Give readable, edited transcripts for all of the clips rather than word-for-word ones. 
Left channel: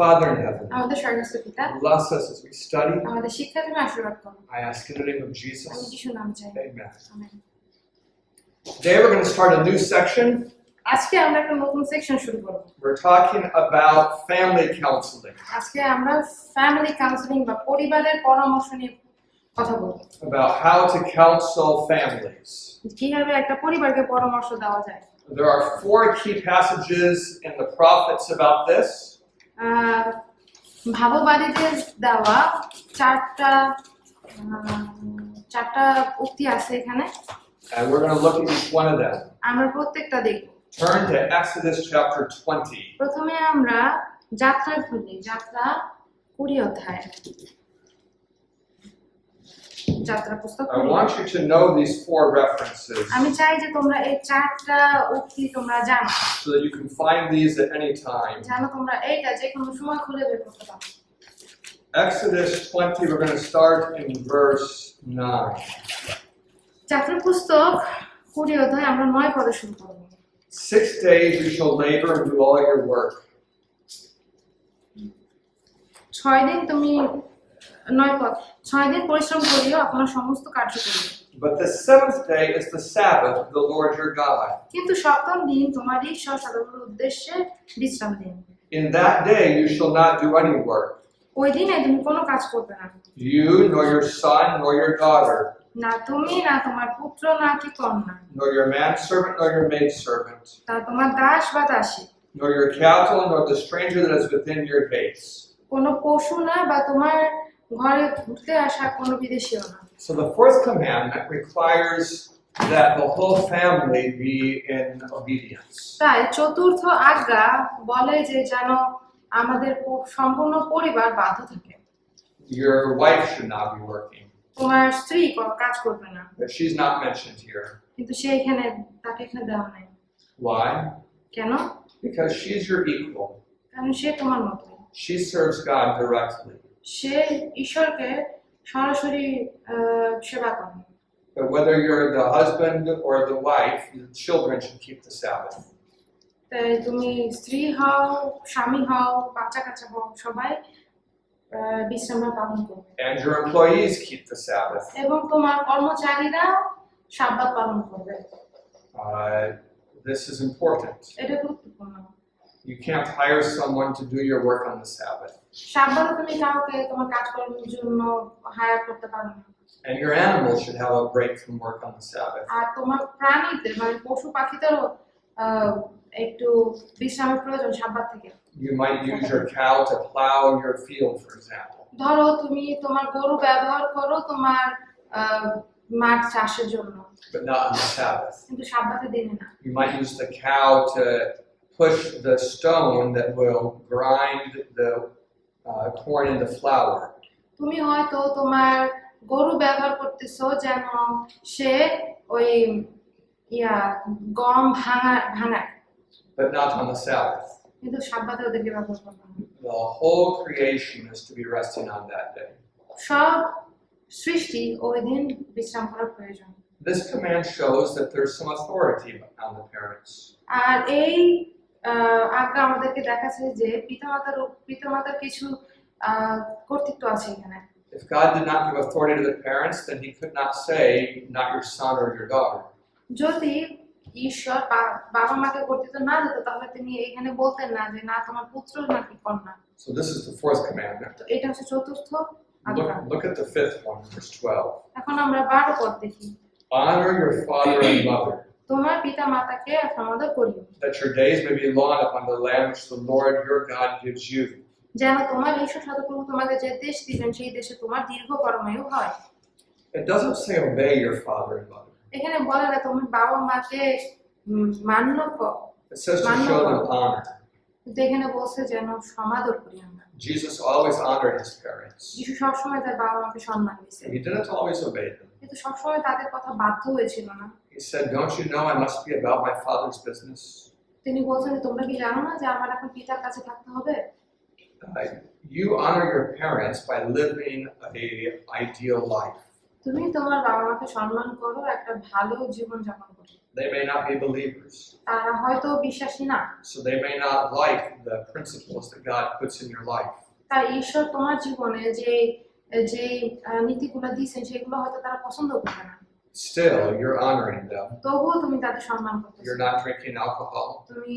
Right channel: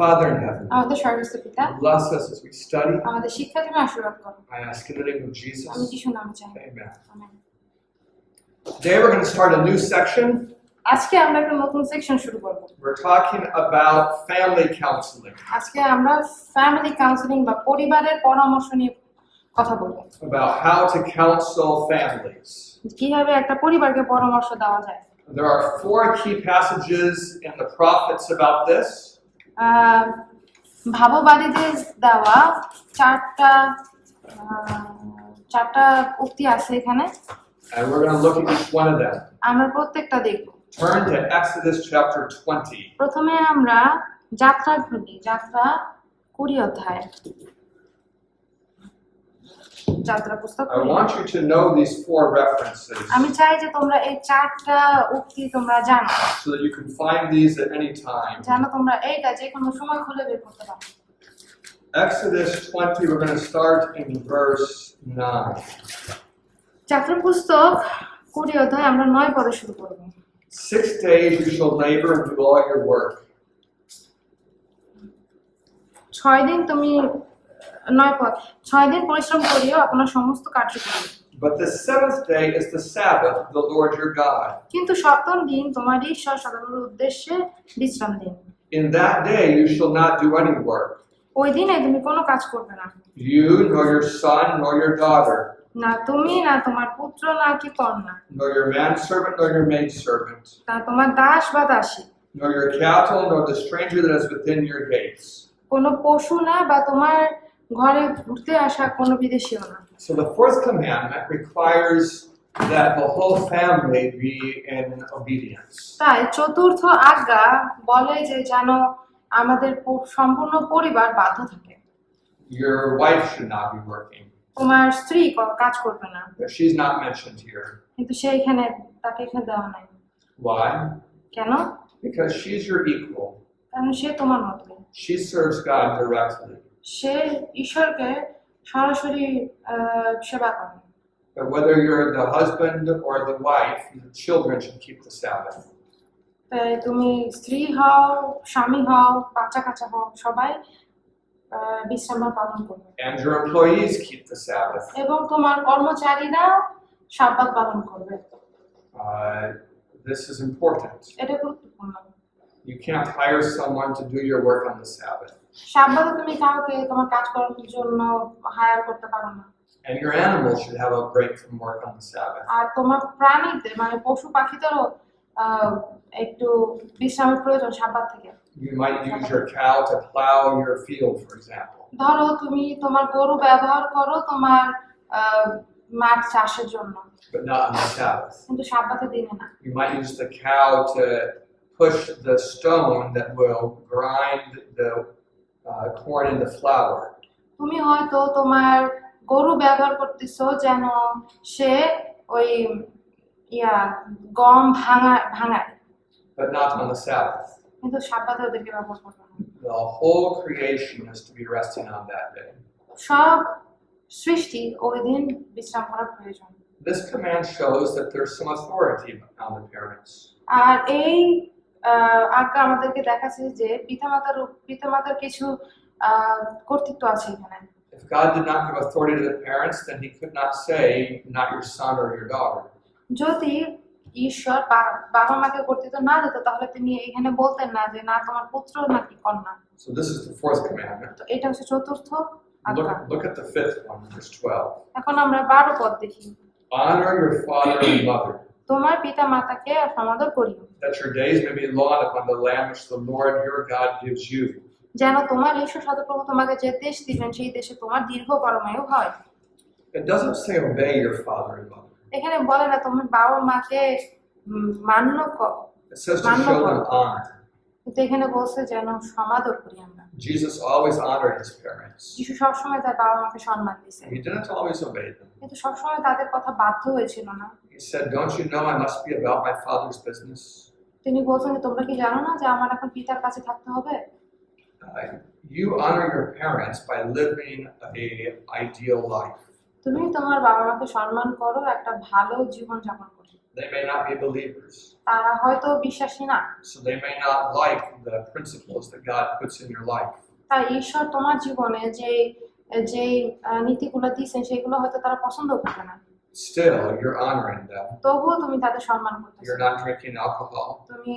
Father in heaven, আমাদের স্বর্গস্থ পিতা, bless us as we study. আমাদের শিক্ষার জন্য আশীর্বাদ করো। I ask in the name of আমি Jesus. যিশুর নামে চাই। Amen. Amen. Today we're going to start a new section. আজকে আমরা একটা নতুন সেকশন শুরু করব। We're talking about family counseling, আজকে আমরা ফ্যামিলি কাউন্সেলিং বা পরিবারের পরামর্শ নিয়ে কথা বলবো। about how to counsel families. কিভাবে একটা পরিবারকে পরামর্শ দেওয়া যায়। There are 4 key passages in the prophets about this. ভাববাদীদের দেওয়া চারটা উক্তি আছে এখানে। And we're going to look at each one of them. আমরা প্রত্যেকটা দেখব। Turn to Exodus chapter 20. প্রথমে আমরা যাত্রা 20 অধ্যায়। যাত্রা পুস্তক। I want you to know these 4 references আমি চাই যে তোমরা এই চারটা উক্তি তোমরা জানো, so that you can find these at any time. জানো তোমরা এইটা যে কোনো সময় খুঁজে বের করতে পারো। Exodus 20, we're going to start in verse 9. যাত্রা পুস্তক 20 অধ্যায় আমরা 9 পড়ে শুরু করব। 6 days you shall labor and do all your work. 6 দিন তুমি 6 দিন পরিশ্রম করিও, আপনার সমস্ত কার্য করিও। But the 7th day is the Sabbath of the Lord your God. কিন্তু সপ্তম দিন তোমার ঈশ্বর সদাপ্রভুর উদ্দেশ্যে বিশ্রাম দিন। In that day you shall not do any work, ওই দিনে তুমি কোনো কাজ করবে না, you nor your son nor your daughter, না তুমি না তোমার পুত্র না কি কন্যা, nor your manservant nor your maidservant, না তোমার দাস বা দাসী, nor your cattle nor the stranger that is within your gates. কোনো পশু না বা তোমার ঘরে ঘুরতে আসা কোনো বিদেশীও না। So the 4th commandment requires that the whole family be in obedience. তাই চতুর্থ আজ্ঞা বলে যে যেন আমাদের সম্পূর্ণ পরিবার বাধ্য থাকে। Your wife should not be working, তোমার স্ত্রী কাজ করবে না, but she's not mentioned here. কিন্তু তাকে এখানে দেওয়া নাই। Why? কেন? Because she's your equal. কারণ সে তোমার মতোই। She serves God directly. সে ঈশ্বরকে সরাসরি সেবা করে। But whether you're the husband or the wife, the children should keep the Sabbath. তাই তুমি স্ত্রী হও, স্বামী হও, বাচ্চা কাচ্চা হও, সবাই বিশ্রাম পালন করবে। And your employees keep the Sabbath. এবং তোমার কর্মচারীরা সাব্বাত পালন করবে। This is important. এটা গুরুত্বপূর্ণ। You can't hire someone to do your work on the Sabbath. সাব্বাতে তুমি কাউকে তোমার কাজ করার জন্য হায়ার করতে পারো না। And your animals should have a break from work on the Sabbath. আর তোমার প্রাণীদের মানে পশু পাখিদেরও একটু বিশ্রামের প্রয়োজন সাব্বাত থেকে। You might use your cow to plow your field, for example. ধরো তুমি তোমার গরু ব্যবহার করো তোমার মাঠ চাষের জন্য, But not on the Sabbath. কিন্তু সাব্বাতের দিনে না। You might use the cow to push the stone that will grind the corn into flour. তুমি হয়তো তোমার গরু ব্যবহার করতেছো যেন সে ওই গম ভাঙায়, But not on the Sabbath. কিন্তু সাব্বাতে ওদেরকে ব্যবহার করবে না। The whole creation is to be resting on that day. সব সৃষ্টি ওই দিন বিশ্রাম করার প্রয়োজন। This command shows that there's some authority on the parents. আর এই আজ্ঞা আমাদেরকে দেখাচ্ছে যে পিতামাতার কিছু কর্তৃত্ব আছে এখানে। If God did not give authority to the parents, then he could not say, not your son or your daughter. যদি ঈশ্বর বাবা মাকে কর্তৃত্ব না দিত তাহলে তিনি এখানে বলতেন না যে না তোমার পুত্র নাকি কন্যা। So this is the 4th commandment. তো এটা হচ্ছে চতুর্থ আজ্ঞা। Look at the 5th one, verse 12. এখন আমরা 12 পদ দেখি। Honor your father and mother, তোমার পিতা মাতাকে সমাদর করিও, that your days may be long upon the land which the Lord your God gives you. যেন তোমার ঈশ্বর সদাপ্রভু তোমাকে যে দেশ দিবেন সেই দেশে তোমার দীর্ঘ পরমায়ু হয়। It doesn't say obey your father and mother. এখানে বলে না তোমার বাবা মাকে মান্য করো, It says to show them honor. কিন্তু এখানে বলছে যেন সমাদর করি আমরা। Jesus always honored his parents. যিশু সবসময় তার বাবা মাকে সম্মান দিয়েছে, He didn't always obey them. কিন্তু সবসময় তাদের কথা বাধ্য হয়েছিল না। He said, don't you know I must be about my father's business? তিনি বলছেন তোমরা কি জানো না যে আমার এখন পিতার কাছে থাকতে হবে? You honor your parents by living an ideal life. তুমি তোমার বাবা মাকে সম্মান করো একটা ভালো জীবন যাপন করে। They may not be believers, তারা হয়তো বিশ্বাসী না, so they may not like the principles that God puts in your life. তাই ঈশ্বর তোমার জীবনে যে যে নীতিগুলো দিয়েছেন সেগুলো হয়তো তারা পছন্দ করবে না, Still, you're honoring them. তবুও তুমি তাদের সম্মান করতেছো। You're not drinking alcohol. তুমি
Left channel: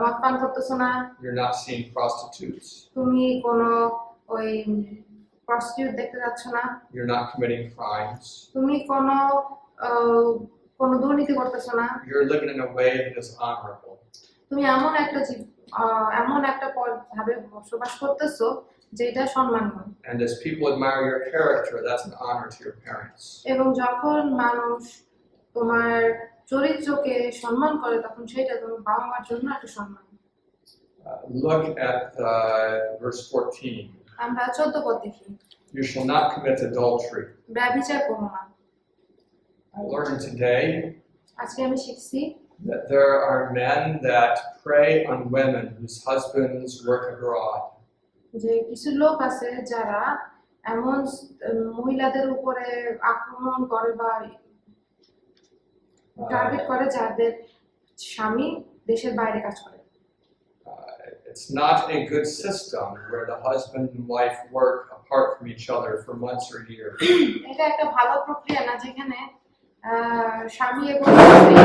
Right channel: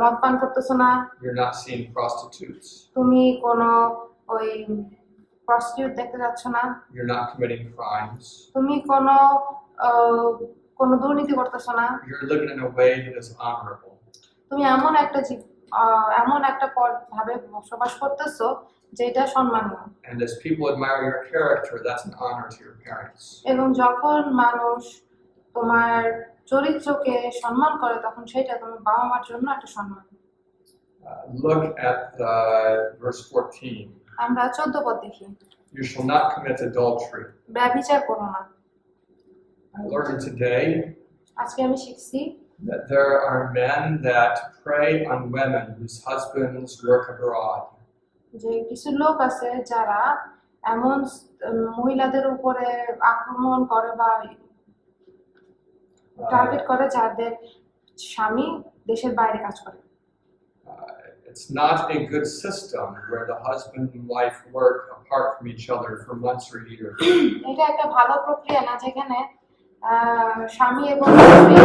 মদ পান করতেছো না, You're not seeing prostitutes. তুমি কোনো ওই প্রস্টিটিউট দেখতে যাচ্ছ না, You're not committing crimes. তুমি কোনো দুর্নীতি করতেছো না, You're living in a way that is honorable. তুমি এমন একটা ভাবে বসবাস করতেছো যেটা সম্মানীয়। And as people admire your character, that's an honor to your parents. এবং যখন মানুষ তোমার চরিত্রকে সম্মান করে তখন সেটা তোমার বাবা মার জন্য একটা সম্মান। Look at verse 14. আমরা 14 পদ দেখি, You shall not commit adultery. ব্যভিচার করো না। I learned today আজকে আমি শিখছি that there are men that prey on women whose husbands work abroad. যে কিছু লোক আছে যারা এমন মহিলাদের উপরে আক্রমণ করে বা টার্গেট করে যাদের স্বামী দেশের বাইরে কাজ করে। It's not a good system where the husband and wife work apart from each other for months or years. এটা একটা ভালো প্রক্রিয়া না যেখানে স্বামী এবং স্ত্রী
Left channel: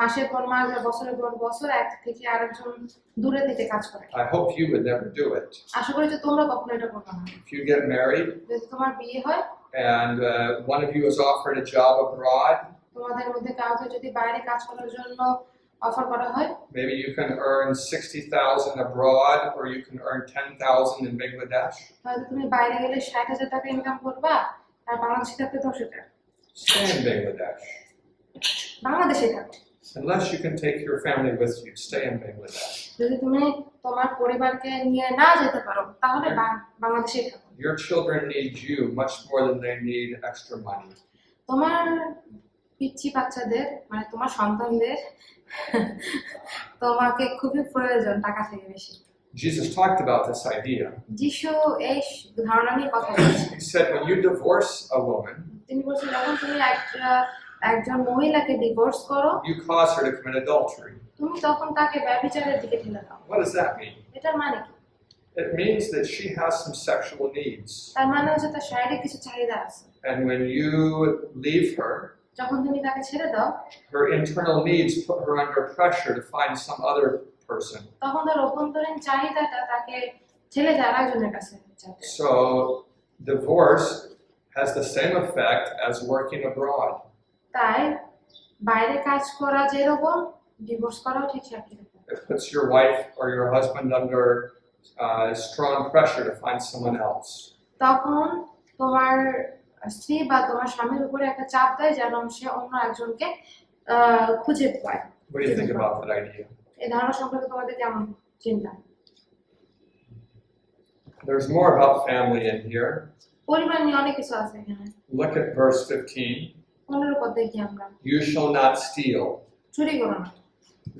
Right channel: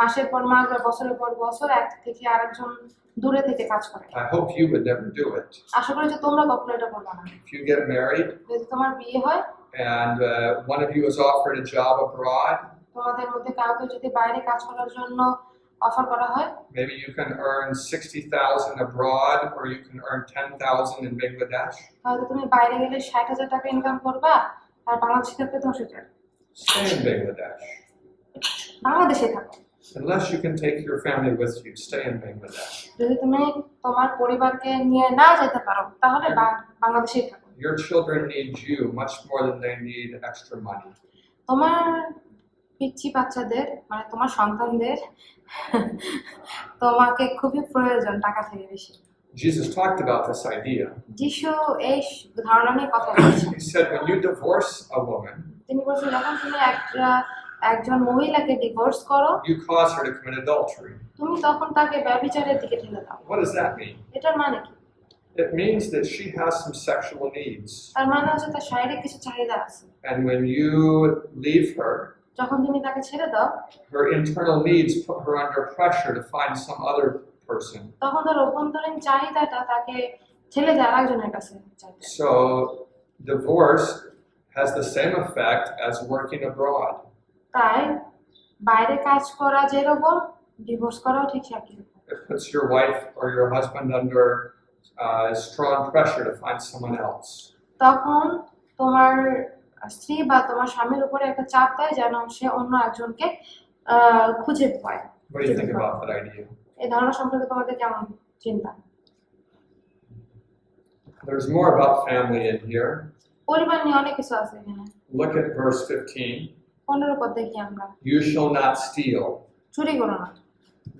মাসের পর মাস বা বছরের পর বছর এক থেকে আরেকজন দূরে থেকে কাজ করে। I hope you would never do it. আশা করি যে তোমরা কখনো এটা করবে না। If you get married যদি তোমার বিয়ে হয় and one of you is offered a job abroad, তোমাদের মধ্যে কাউকে যদি বাইরে কাজ করার জন্য অফার করা হয়, maybe you can earn 60,000 abroad or you can earn 10,000 in Bangladesh. হয়তো তুমি বাইরে গেলে 60,000 টাকা ইনকাম করবা আর বাংলাদেশে থাকতে 10,000 টাকা। Stay in Bangladesh. বাংলাদেশে থাকো। Unless you can take your family with you, stay in Bangladesh. যদি তুমি তোমার পরিবারকে নিয়ে না যেতে পারো তাহলে বাংলাদেশেই থাকো। Your children need you much more than they need extra money. তোমার পিচ্চি বাচ্চাদের মানে তোমার সন্তানদের তোমাকে খুবই প্রয়োজন টাকা থেকে বেশি। Jesus talked about this idea. যিশু এই ধারণা নিয়ে কথা বলেছেন। He said when you divorce a woman, তিনি বলেছেন যখন তুমি একজন মহিলাকে ডিভোর্স করো, you cause her to commit adultery. তুমি তখন তাকে ব্যভিচারের দিকে ঠেলে দাও। What does that mean? এটার মানে কি? It means that she has some sexual needs. তার মানে হচ্ছে তার শারীরিক কিছু চাহিদা আছে। And when you leave her, যখন তুমি তাকে ছেড়ে দাও, her internal needs put her under pressure to find some other person. তখন তার অভ্যন্তরীণ চাহিদাটা তাকে ঠেলে যায় আরেকজনের কাছে যেতে। So divorce has the same effect as working abroad. তাই বাইরে কাজ করা যেরকম ডিভোর্স করাও ঠিক একই রকম। It puts your wife or your husband under strong pressure to find someone else. তখন তোমার স্ত্রী বা তোমার স্বামীর উপরে একটা চাপ দেয় যেন সে অন্য একজনকে খুঁজে পায়। What do you think about that idea? এই ধারণা সম্পর্কে তোমাদের কেমন চিন্তা? There's more about family in here. পরিবার নিয়ে অনেক কিছু আছে এখানে। Look at verse 15. 15 পদ দেখি আমরা। You shall not steal. চুরি করো না।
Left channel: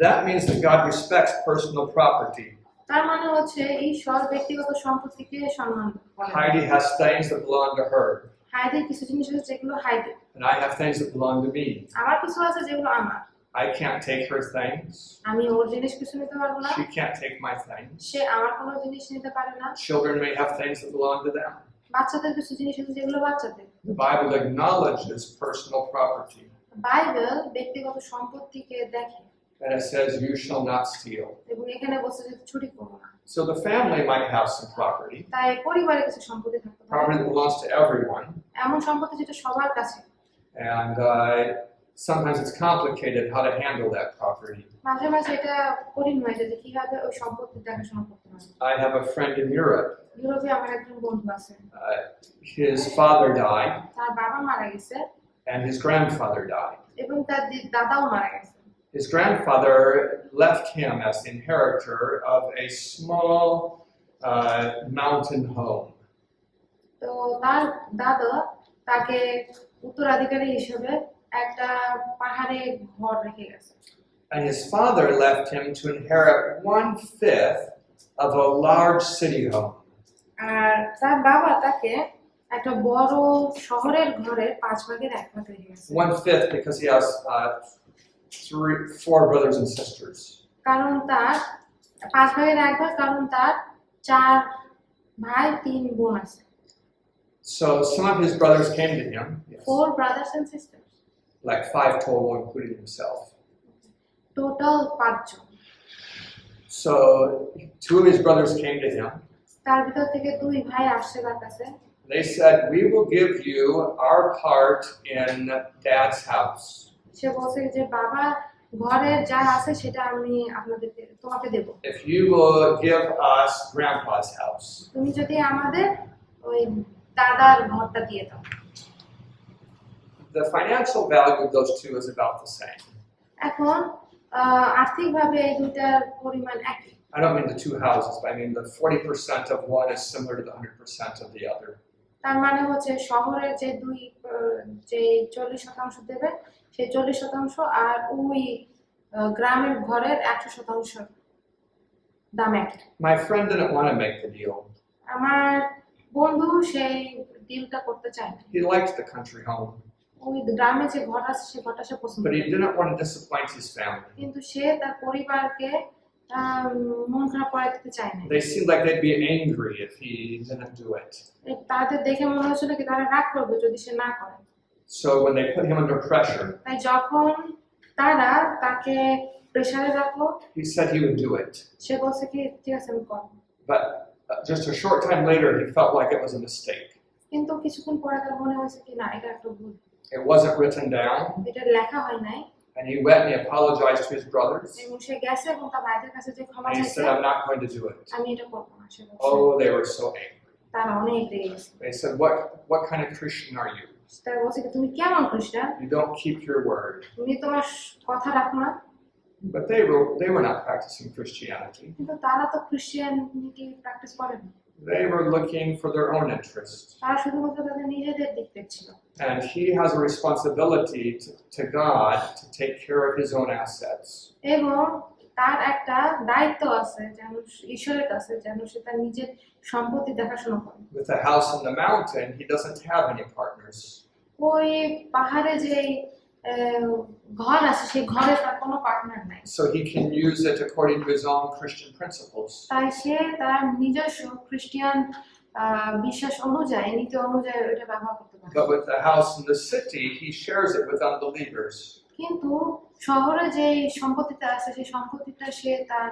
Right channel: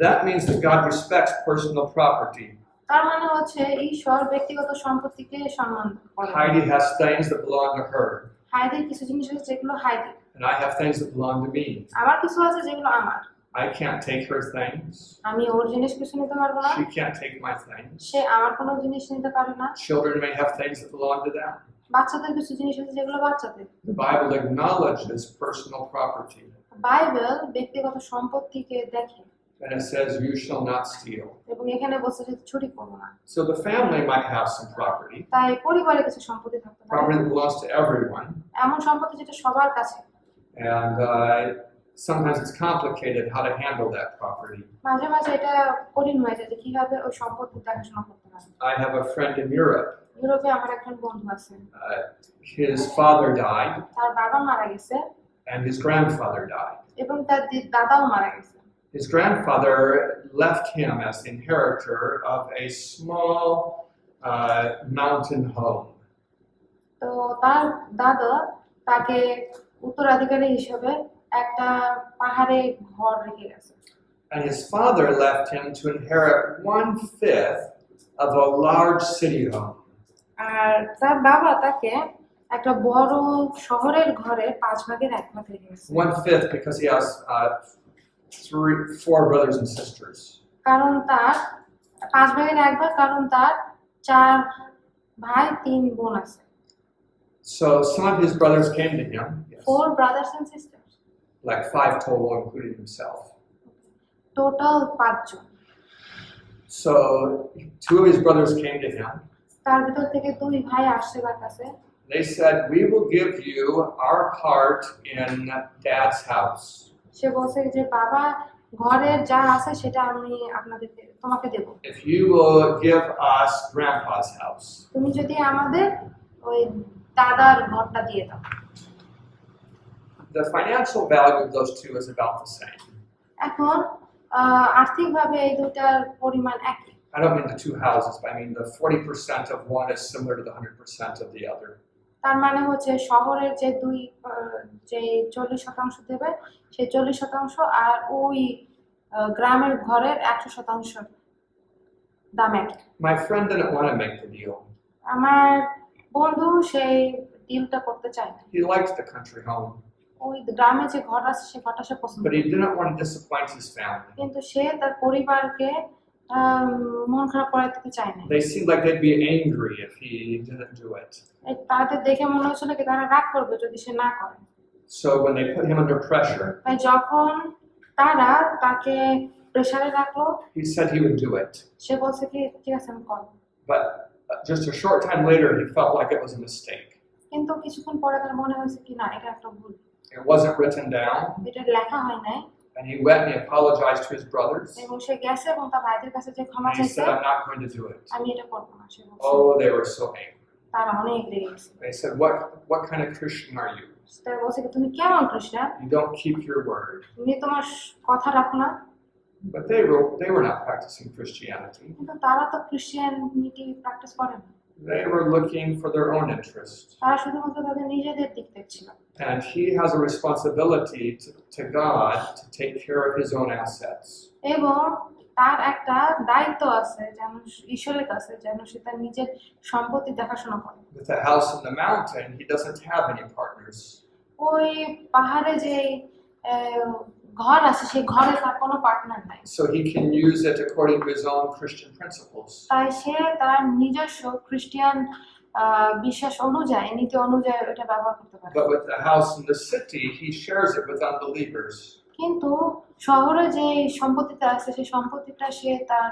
That means that God respects personal property. তার মানে হচ্ছে ঈশ্বর ব্যক্তিগত সম্পত্তিকে সম্মান করে। Heidi has things that belong to her. হাইদের কিছু জিনিস আছে যেগুলো হাইদের। And I have things that belong to me. আমার কিছু আছে যেগুলো আমার। I can't take her things. আমি ওর জিনিস কিছু নিতে পারবো না। She can't take my things. সে আমার কোনো জিনিস নিতে পারে না। Children may have things that belong to them. বাচ্চাদের কিছু জিনিস আছে যেগুলো বাচ্চাদের। The Bible acknowledges personal property. Bible ব্যক্তিগত সম্পত্তিকে দেখে। And it says, you shall not steal. এবং এখানে বলছে যে চুরি করো না। So the family might have some property. তাই পরিবারে কিছু সম্পত্তি থাকতে পারে। Property that belongs to everyone. এমন সম্পত্তি যেটা সবার কাছে। And sometimes it's complicated how to handle that property. মাঝে মাঝে এটা কঠিন হয়ে যায় যে কিভাবে ওই সম্পত্তি দেখাশোনা করতে হয়। I have a friend in Europe. ইউরোপে আমার একজন বন্ধু আছে। His father died তার বাবা মারা গেছে and his grandfather died. এবং তার দাদাও মারা গেছে। His grandfather left him as the inheritor of a small mountain home. তো তার দাদা তাকে উত্তরাধিকারী হিসেবে একটা পাহাড়ে ঘর রেখে গেছে। And his father left him to inherit 1/5 of a large city home. আর তার বাবা তাকে একটা বড় শহরের ঘরে 5 ভাগের 1 ভাগ হয়ে গেছে। 1/5 because he has 4 brothers and sisters. কারণ তার 5 ভাগের 1 ভাগ, কারণ তার 4 ভাই 3 বোন আছে। So some of his brothers came to him. Yes. 4 brothers and sisters. Like 5 total, including himself. Total 5 জন। So 2 of his brothers came to him. তার ভিতর থেকে 2 ভাই আসছে তার কাছে। They said, "We will give you our part in Dad's house. সে বলছে যে বাবা ঘরের যা আছে সেটা আমি তোমাকে দেব। If you will give us Grandpa's house." তুমি যদি আমাদের ওই দাদার ঘরটা দিয়ে দাও। The financial value of those two is about the same. এখন আর্থিকভাবে এই দুটার পরিমাণ একই। I don't mean the 2 houses, but I mean the 40% of one is similar to the 100% of the other. তার মানে হচ্ছে শহরের যে 40% দেবে সেই 40% আর ওই গ্রামের ঘরের 100% দাম একই। My friend didn't want to make the deal. আমার বন্ধু সেই ডিলটা করতে চায় না। He liked the country home, ওই গ্রামে যে ঘর আছে সে ঘরটা সে পছন্দ but করে। he didn't want to disappoint his family. কিন্তু সে তার পরিবারকে মন খারাপ করে দিতে চায় না। They seemed like they'd be angry if he didn't do it. তাদের দেখে মনে হচ্ছিল কি তারা রাগ করবে যদি সে না করে। So when they put him under pressure, তাই যখন তারা তাকে প্রেসারে রাখলো, he said he would do it. সে বলছে কি ঠিক আছে আমি করব। But just a short time later, he felt like it was a mistake. কিন্তু কিছুক্ষণ পরে তার মনে হয়েছে কি না এটা একটা ভুল। It wasn't written down, এটা লেখা হয় নাই। and he went and he apologized to his brothers. এবং সে গেছে এবং তার ভাইদের কাছে যে ক্ষমা And he চাইছে said, "I'm not going to do it." আমি এটা করব না। সে বলছে Oh, they were so angry. তারা অনেক রেগে গেছে। They said, "What kind of Christian are you? তারা বলছে কি তুমি কেমন খ্রিস্টান, You don't keep your word." তুমি তোমার কথা রাখো না। But they were not practicing Christianity. কিন্তু তারা তো খ্রিস্টানিটি প্র্যাকটিস করে না। They were looking for their own interest. তারা শুধুমাত্র তাদের নিজেদের দিক দেখছিল। And he has a responsibility to God to take care of his own assets. এবং তার একটা দায়িত্ব আছে যেন ঈশ্বরের কাছে যেন সে তার নিজের সম্পত্তি দেখাশোনা করে। With a house in the mountain, he doesn't have any partners. ওই পাহাড়ে যে ঘর আছে সেই ঘরে তার কোনো পার্টনার নাই। So he can use it according to his own Christian principles. তাই সে তার নিজস্ব খ্রিস্টান বিশ্বাস অনুযায়ী নীতি অনুযায়ী এটা ব্যবহার করতে পারে। But with the house in the city, he shares it with unbelievers. কিন্তু শহরে যে সম্পত্তিটা আছে সেই সম্পত্তিটা সে তার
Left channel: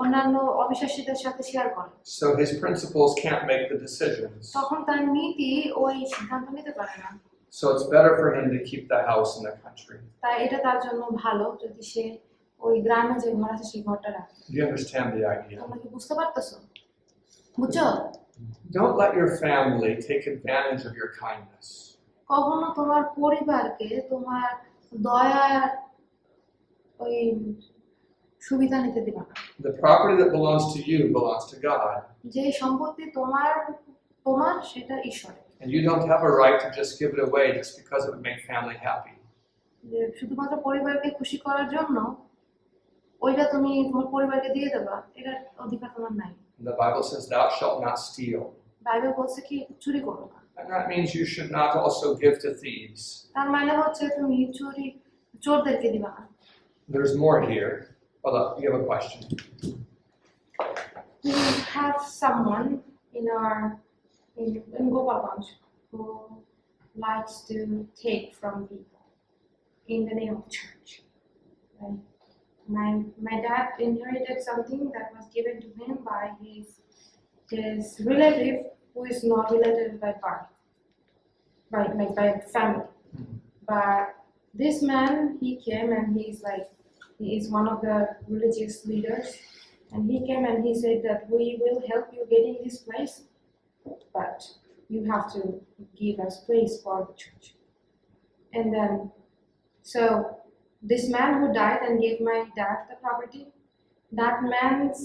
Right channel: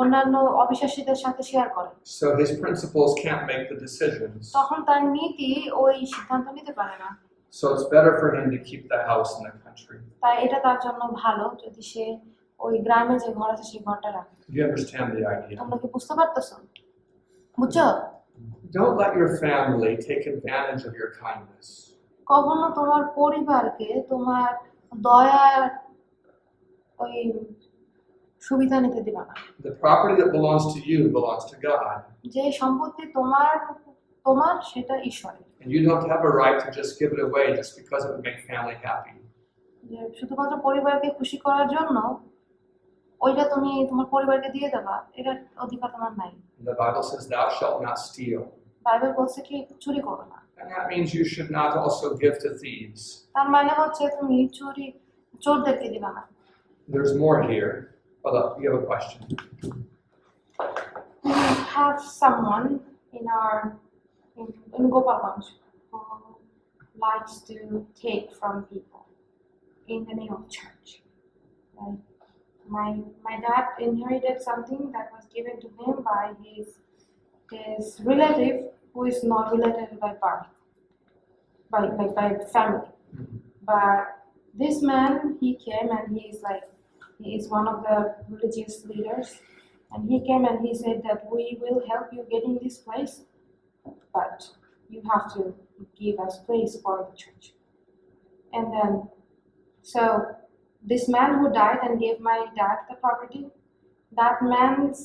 অন্যান্য অবিশ্বাসীদের সাথে শেয়ার করে। So his principles can't make the decisions. তখন তার নীতি ওই সিদ্ধান্ত নিতে পারে না। So it's better for him to keep the house in the country. তাই এটা তার জন্য ভালো যদি সে ওই গ্রামে যে ঘর আছে সেই ঘরটা রাখে। Do you understand the idea? তোমরা কি বুঝতে পারতেছো? বুঝছো? Don't let your family take advantage of your kindness. কখনো তোমার পরিবারকে তোমার দয়ার ওই সুবিধা নিতে দিবা না। The property that belongs to you belongs to God. যে সম্পত্তি তোমার সেটা ঈশ্বরের। And you don't have a right to just give it away just because it would make family happy. যে শুধুমাত্র পরিবারকে খুশি করার জন্য ওইটা তুমি তোমার পরিবারকে দিয়ে দেবা এটার অধিকার তোমার নাই। The Bible says, "Thou shalt not steal." Bible বলছে কি চুরি করো না। And that means you should not also give to thieves. তার মানে হচ্ছে তুমি চোরদেরকে দিবা না। There's more here. Hold up, you have a question. We have someone in Gopalganj who likes to take from people in the name of church. Right? My dad inherited something that was given to him by his relative who is not related by birth, by family. But this man, he came and he is one of the religious leaders, and he came and he said that we will help you getting this place, but you have to give us place for the church. And then, so this man who died and gave my dad the property, that man's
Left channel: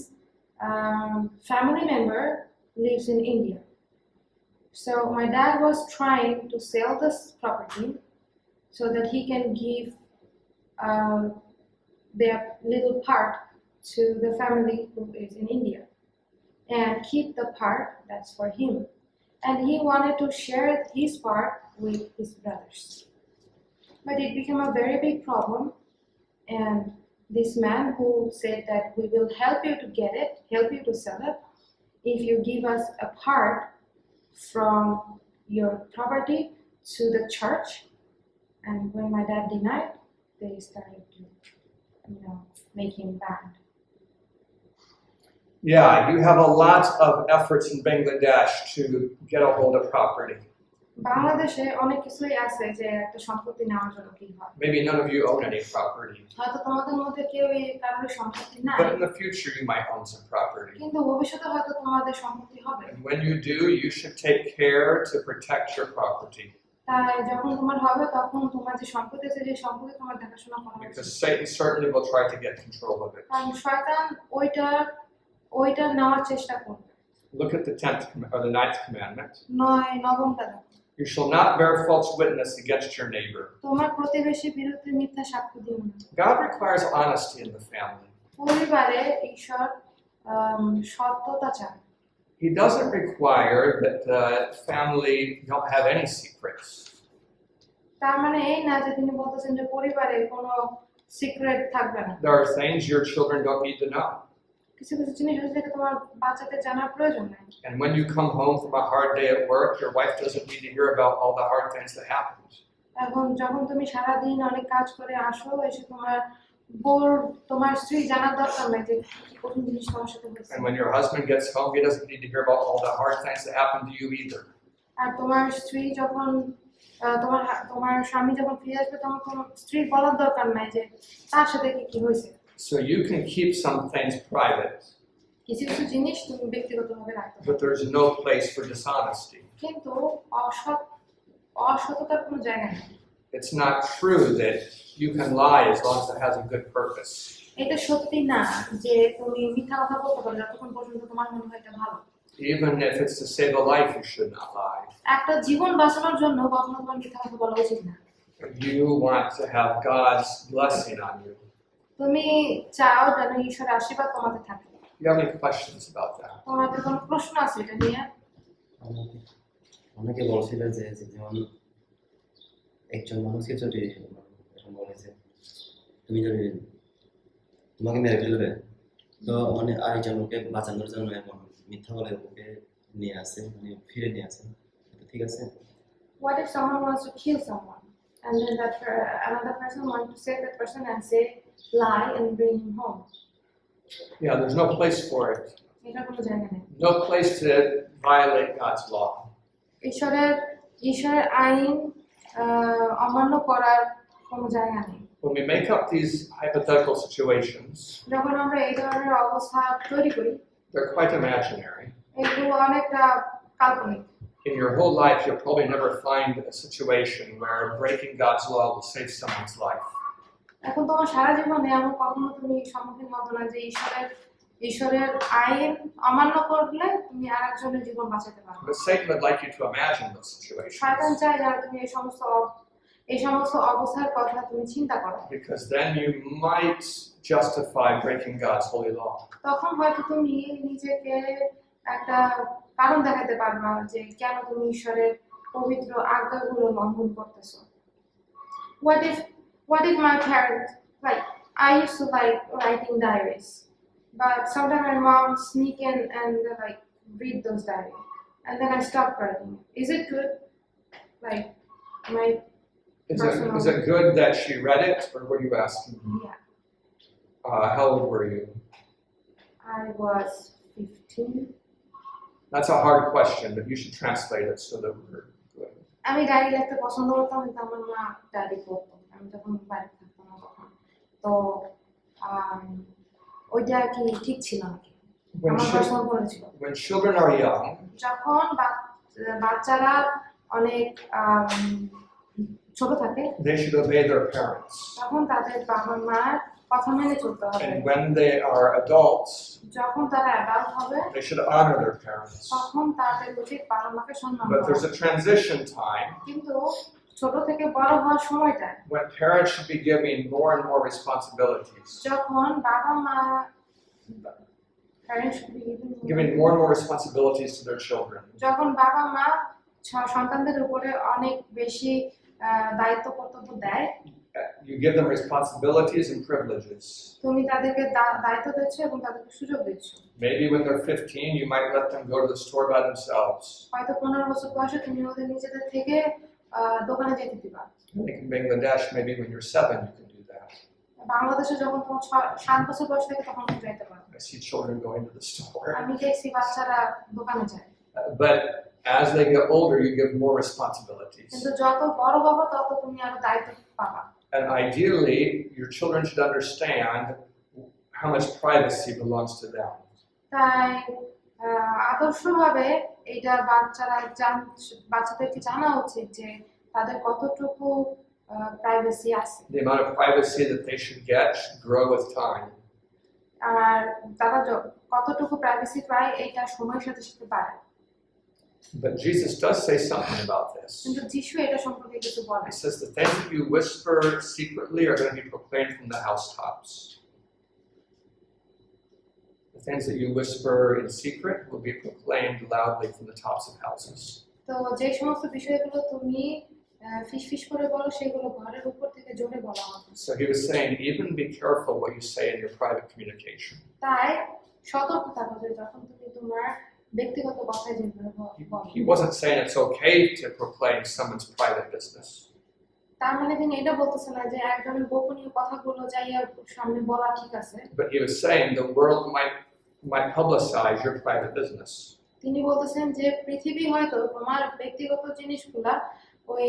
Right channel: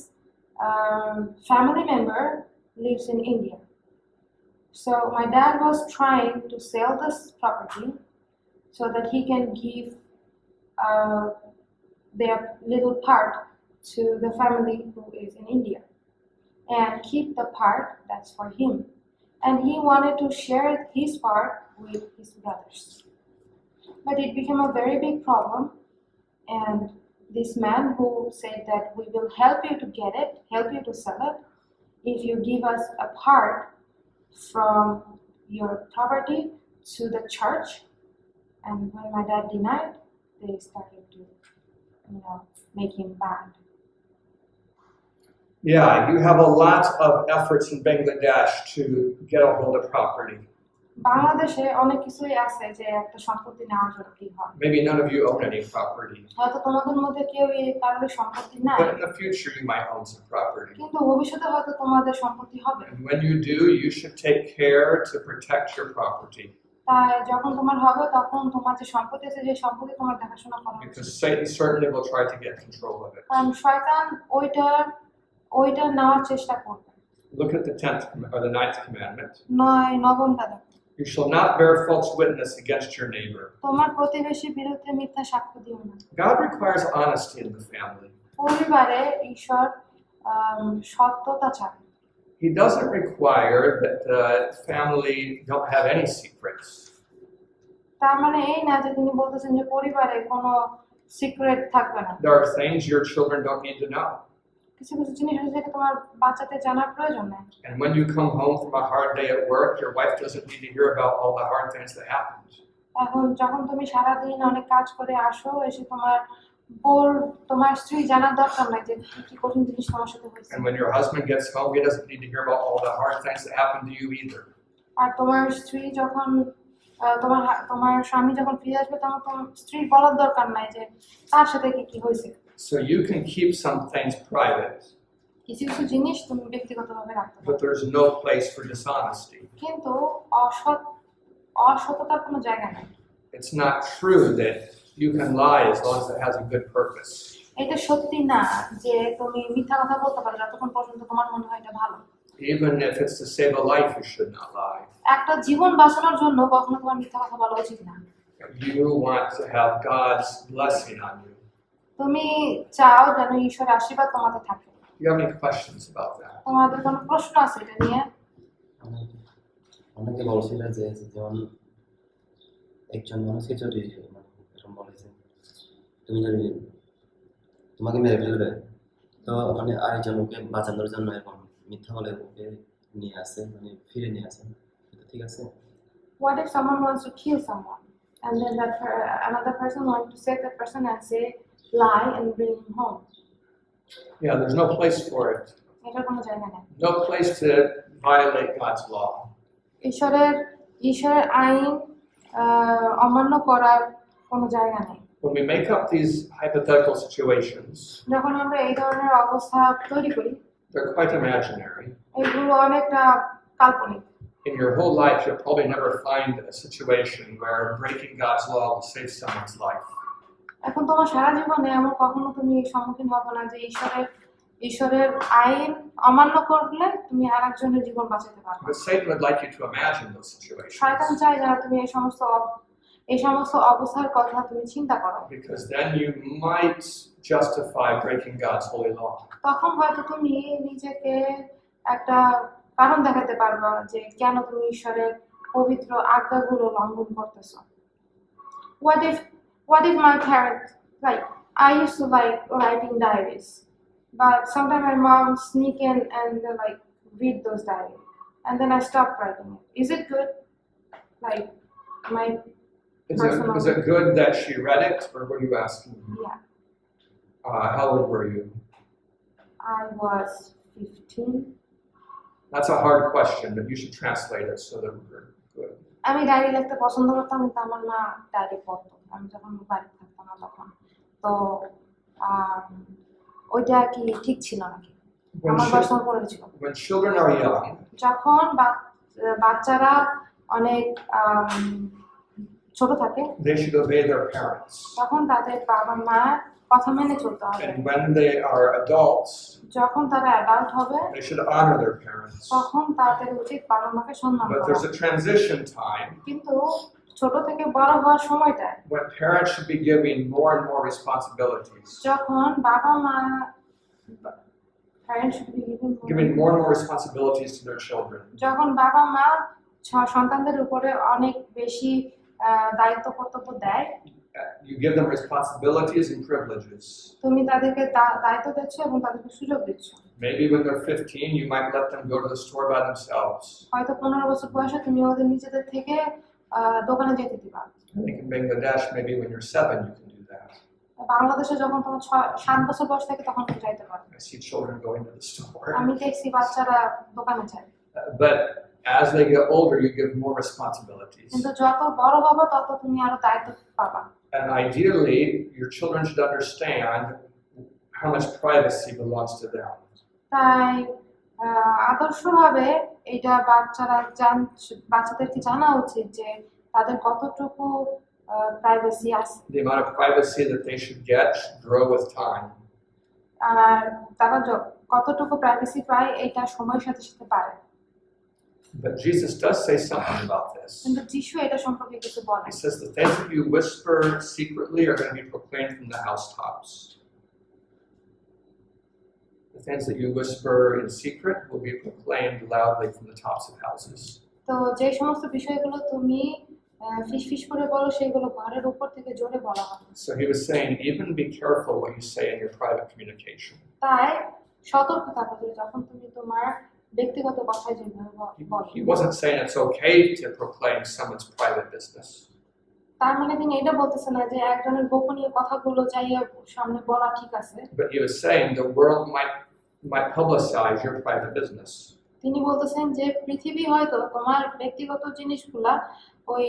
family member lives in India. So my dad was trying to sell this property so that he can give their little part to the family who is in India and keep the part that's for him. and he wanted to share his part with his brothers. But it became a very big problem, and this man who said that we will help you to get it, help you to sell it, if you give us a part from your property to the church. And when my dad denied, they started to, make him banned. Yeah, you have a lot of efforts in Bangladesh to get a hold of property. বাংলাদেশে অনেক কিছুই আছে যে একটা সম্পত্তি নেওয়ার জন্য কি হয়। Maybe none of you own any property, হয়তো তোমাদের মধ্যে কেউই কারোর সম্পত্তি নাই, but in the future you might own some property. কিন্তু ভবিষ্যতে হয়তো তোমাদের সম্পত্তি হবে। And when you do, you should take care to protect your property, তাই যখন তোমার হবে তখন তোমার যে সম্পত্তি আছে সেই সম্পত্তি তোমার দেখাশোনা করা উচিত। because Satan certainly will try to get control of it. কারণ শয়তান ওইটা নেওয়ার চেষ্টা করবে। Look at the 10th or the 9th commandment. নবমটা দেখো। You shall not bear false witness against your neighbor. তোমার প্রতিবেশীর বিরুদ্ধে মিথ্যা সাক্ষ্য দিও না। God requires honesty in the family. পরিবারে ঈশ্বর সত্যতা চান। He doesn't require that the family don't have any secrets. তার মানে এই না যে তিনি বলতেছেন যে পরিবারে কোনো সিক্রেট থাকবে না। There are things your children don't need to know. কিছু কিছু জিনিস আছে যেটা তোমার বাচ্চাদের জানার প্রয়োজন নাই। And when you come home from a hard day at work, your wife doesn't need to hear about all the hard things that happened. এখন যখন তুমি সারাদিন অনেক কাজ করে আসো, এসে তোমার স্ত্রী জানার দরকার নাই যে কি কঠিন জিনিস তোমার সাথে হয়েছে। And when your husband gets home, he doesn't need to hear about all the hard things that happened to you either. আর তোমার স্ত্রী যখন তোমার স্বামী যখন ফিরে আসবে তখন তোমার স্ত্রীর বলার দরকার নাই যে তার সাথে কি হয়েছে। So you can keep some things private, কিছু কিছু জিনিস তুমি ব্যক্তিগতভাবে রাখতে পারো, but there's no place for dishonesty. কিন্তু অসততার কোনো জায়গা নেই। It's not true that you can lie as long as it has a good purpose. এটা সত্যি না যে তুমি মিথ্যা কথা বলতে পারো যতক্ষণ পর্যন্ত তোমার মনে হয় এটা ভালো। Even if it's to save a life, you should not lie. একটা জীবন বাঁচানোর জন্য কখনো তোমার মিথ্যা কথা বলা উচিত না। You want to have God's blessing on you. তুমি চাও যেন ঈশ্বরের আশীর্বাদ তোমাদের থাকে। Do you have any questions about that? তোমাদের কোনো প্রশ্ন আছে এটা নিয়ে? অনেকে বলছিল যে যেমন একজন মানুষকে যদি এরকম বলেছে তুমি যদি তোমাকে মেরে ফেলবে, তো মানে আরেকজন ওকে বাঁচানোর জন্য এখন মিথ্যা বলে ওকে নিয়ে আসে, মানে ফিরে নিয়ে আসে, এটা ঠিক আছে? What if someone wants to kill someone and then another person wants to save that person and say lie and bring him home? Yeah, there's no place for it. এটার কোনো জায়গা নেই। No place to violate God's law. ঈশ্বরের আইন অমান্য করার কোনো জায়গা নেই। When we make up these hypothetical situations, যখন আমরা এই ধরনের অবস্থা তৈরি করি, they're quite imaginary. এগুলো অনেকটা কাল্পনিক। In your whole life, you'll probably never find a situation where breaking God's law will save someone's life. এখন তোমার সারা জীবনে এমন কখনো তুমি সম্মুখীন হতো না যে ঈশ্বরের আইন অমান্য করলে তুমি আরেকজনের জীবন বাঁচাতে পারবে। But Satan would like you to imagine those শয়তান situations, চায় যে তুমি এই সমস্ত অবস্থার কথা তুমি চিন্তা করো, because then you might justify breaking God's holy law. তখন হয়তো তুমি নিজেকে একটা কারণ দেখাতে পারবা যে কেন তুমি ঈশ্বরের পবিত্র আজ্ঞাগুলো লঙ্ঘন করতেছো। What if my parents, like, I used to like writing diaries, but sometimes my mom sneak in and like read those diaries, and then I stopped writing it. Is it good? Like, my Is it good that she read it, or what are you asking? Yeah, How old were you? I was 15. That's a hard question, but you should translate it so that we're good. আমি diary লিখতে পছন্দ করতাম, কিন্তু আমার মা diary পড়তো আমি যখন বাড়িতে থাকতাম না তখন। তো ওইটা কি ঠিক ছিল নাকি? আমার প্রশ্ন করেছিল। When children are young, যখন বাচ্চারা অনেক ছোট থাকে, they should obey their parents. তখন তাদের বাবা মার কথা মেনে চলতে হবে। And when they are adults, যখন তারা অ্যাডাল্ট হবে, they should honor their parents. তখন তাদের উচিত বাবা মাকে সম্মান But there's করা। a transition time কিন্তু ছোট থেকে বড় হওয়ার সময়টা when parents should be giving more and more responsibilities. যখন বাবা মা Parents should be giving more and more responsibilities to their children. যখন বাবা মা সন্তানদের উপরে অনেক বেশি দায়িত্ব কর্তব্য দেয়, You give them responsibilities and privileges. তুমি তাদেরকে দায়িত্ব দিচ্ছ এবং তাদেরকে সুযোগ দিচ্ছ। Maybe when they're 15, you might let them go to the store by themselves. হয়তো 15 বছর বয়সে তুমি ওদের নিজেদের থেকে দোকানে যেতে দিবা। And they can Bangladesh, maybe when you're 7, you can do that. বাংলাদেশে যখন তোমার 7 বছর বয়স থাকে তখন তুমি যাইতে পারো। I see children going to the store. আমি দেখছি বাচ্চারা দোকানে যায়। But as they get older, you give more responsibilities. কিন্তু যত বড় হবে তত তুমি আরো দায়িত্ব পাবা। And ideally, your children should understand how much privacy belongs to them. তাই আদর্শভাবে এটা বাচ্চাদেরকে জানা উচিত যে তাদের কতটুকু প্রাইভেসি আছে। The amount of privacy that they should get should grow with time. আর তারা কতটুকু প্রাইভেসি পায় এটা সময়ের সাথে সাথে বাড়ে। But Jesus does say something about this. কিন্তু যিশু এটা সম্পর্কে কিছু বলে। He says the things that you whisper secretly are going to be proclaimed from the housetops. The things that you whisper in secret will be proclaimed loudly from the tops of houses. তো যে সমস্ত বিষয়গুলো তুমি ফিসফিস করে বলো সেগুলো ঘরের উপর থেকে জোরে বলা হবে। So he was saying, even be careful what you say in your private communication. তাই সতর্ক থাকো যে যখন তুমি তোমার ব্যক্তিগত কথায় যেভাবে বলো। He wasn't saying it's okay to proclaim someone's private business. তার মানে তিনি এটা বলতেছেন না যে একজনের গোপনীয় কথাগুলো যাইয়ে সামনে বলা ঠিক আছে। But he was saying the world might publicize your private business. তিনি বলতেছেন যে পৃথিবী হয়তো তোমার ব্যক্তিগত জিনিসগুলা ওই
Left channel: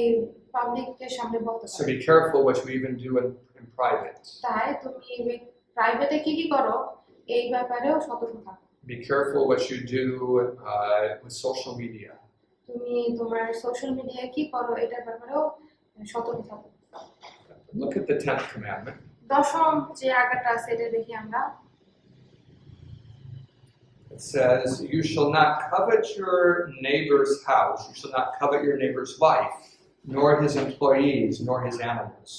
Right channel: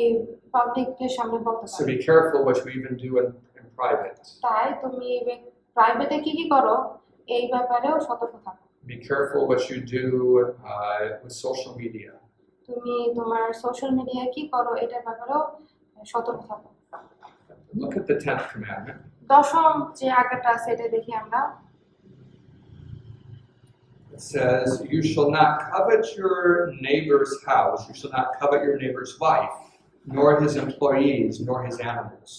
পাবলিকের সামনে বলতে So পারে। be careful what you even do in private. তাই তুমি প্রাইভেটে কি কি করো এই ব্যাপারেও সতর্ক থাকো। Be careful what you do with social media. তুমি তোমার সোশ্যাল মিডিয়ায় কি করো এটার ব্যাপারেও সতর্ক থাকো। Look at the 10th commandment. দশম যে আজ্ঞাটা আছে এটা দেখি আমরা। It says, you shall not covet your neighbor's house, you shall not covet your neighbor's wife, nor his employees, nor his animals.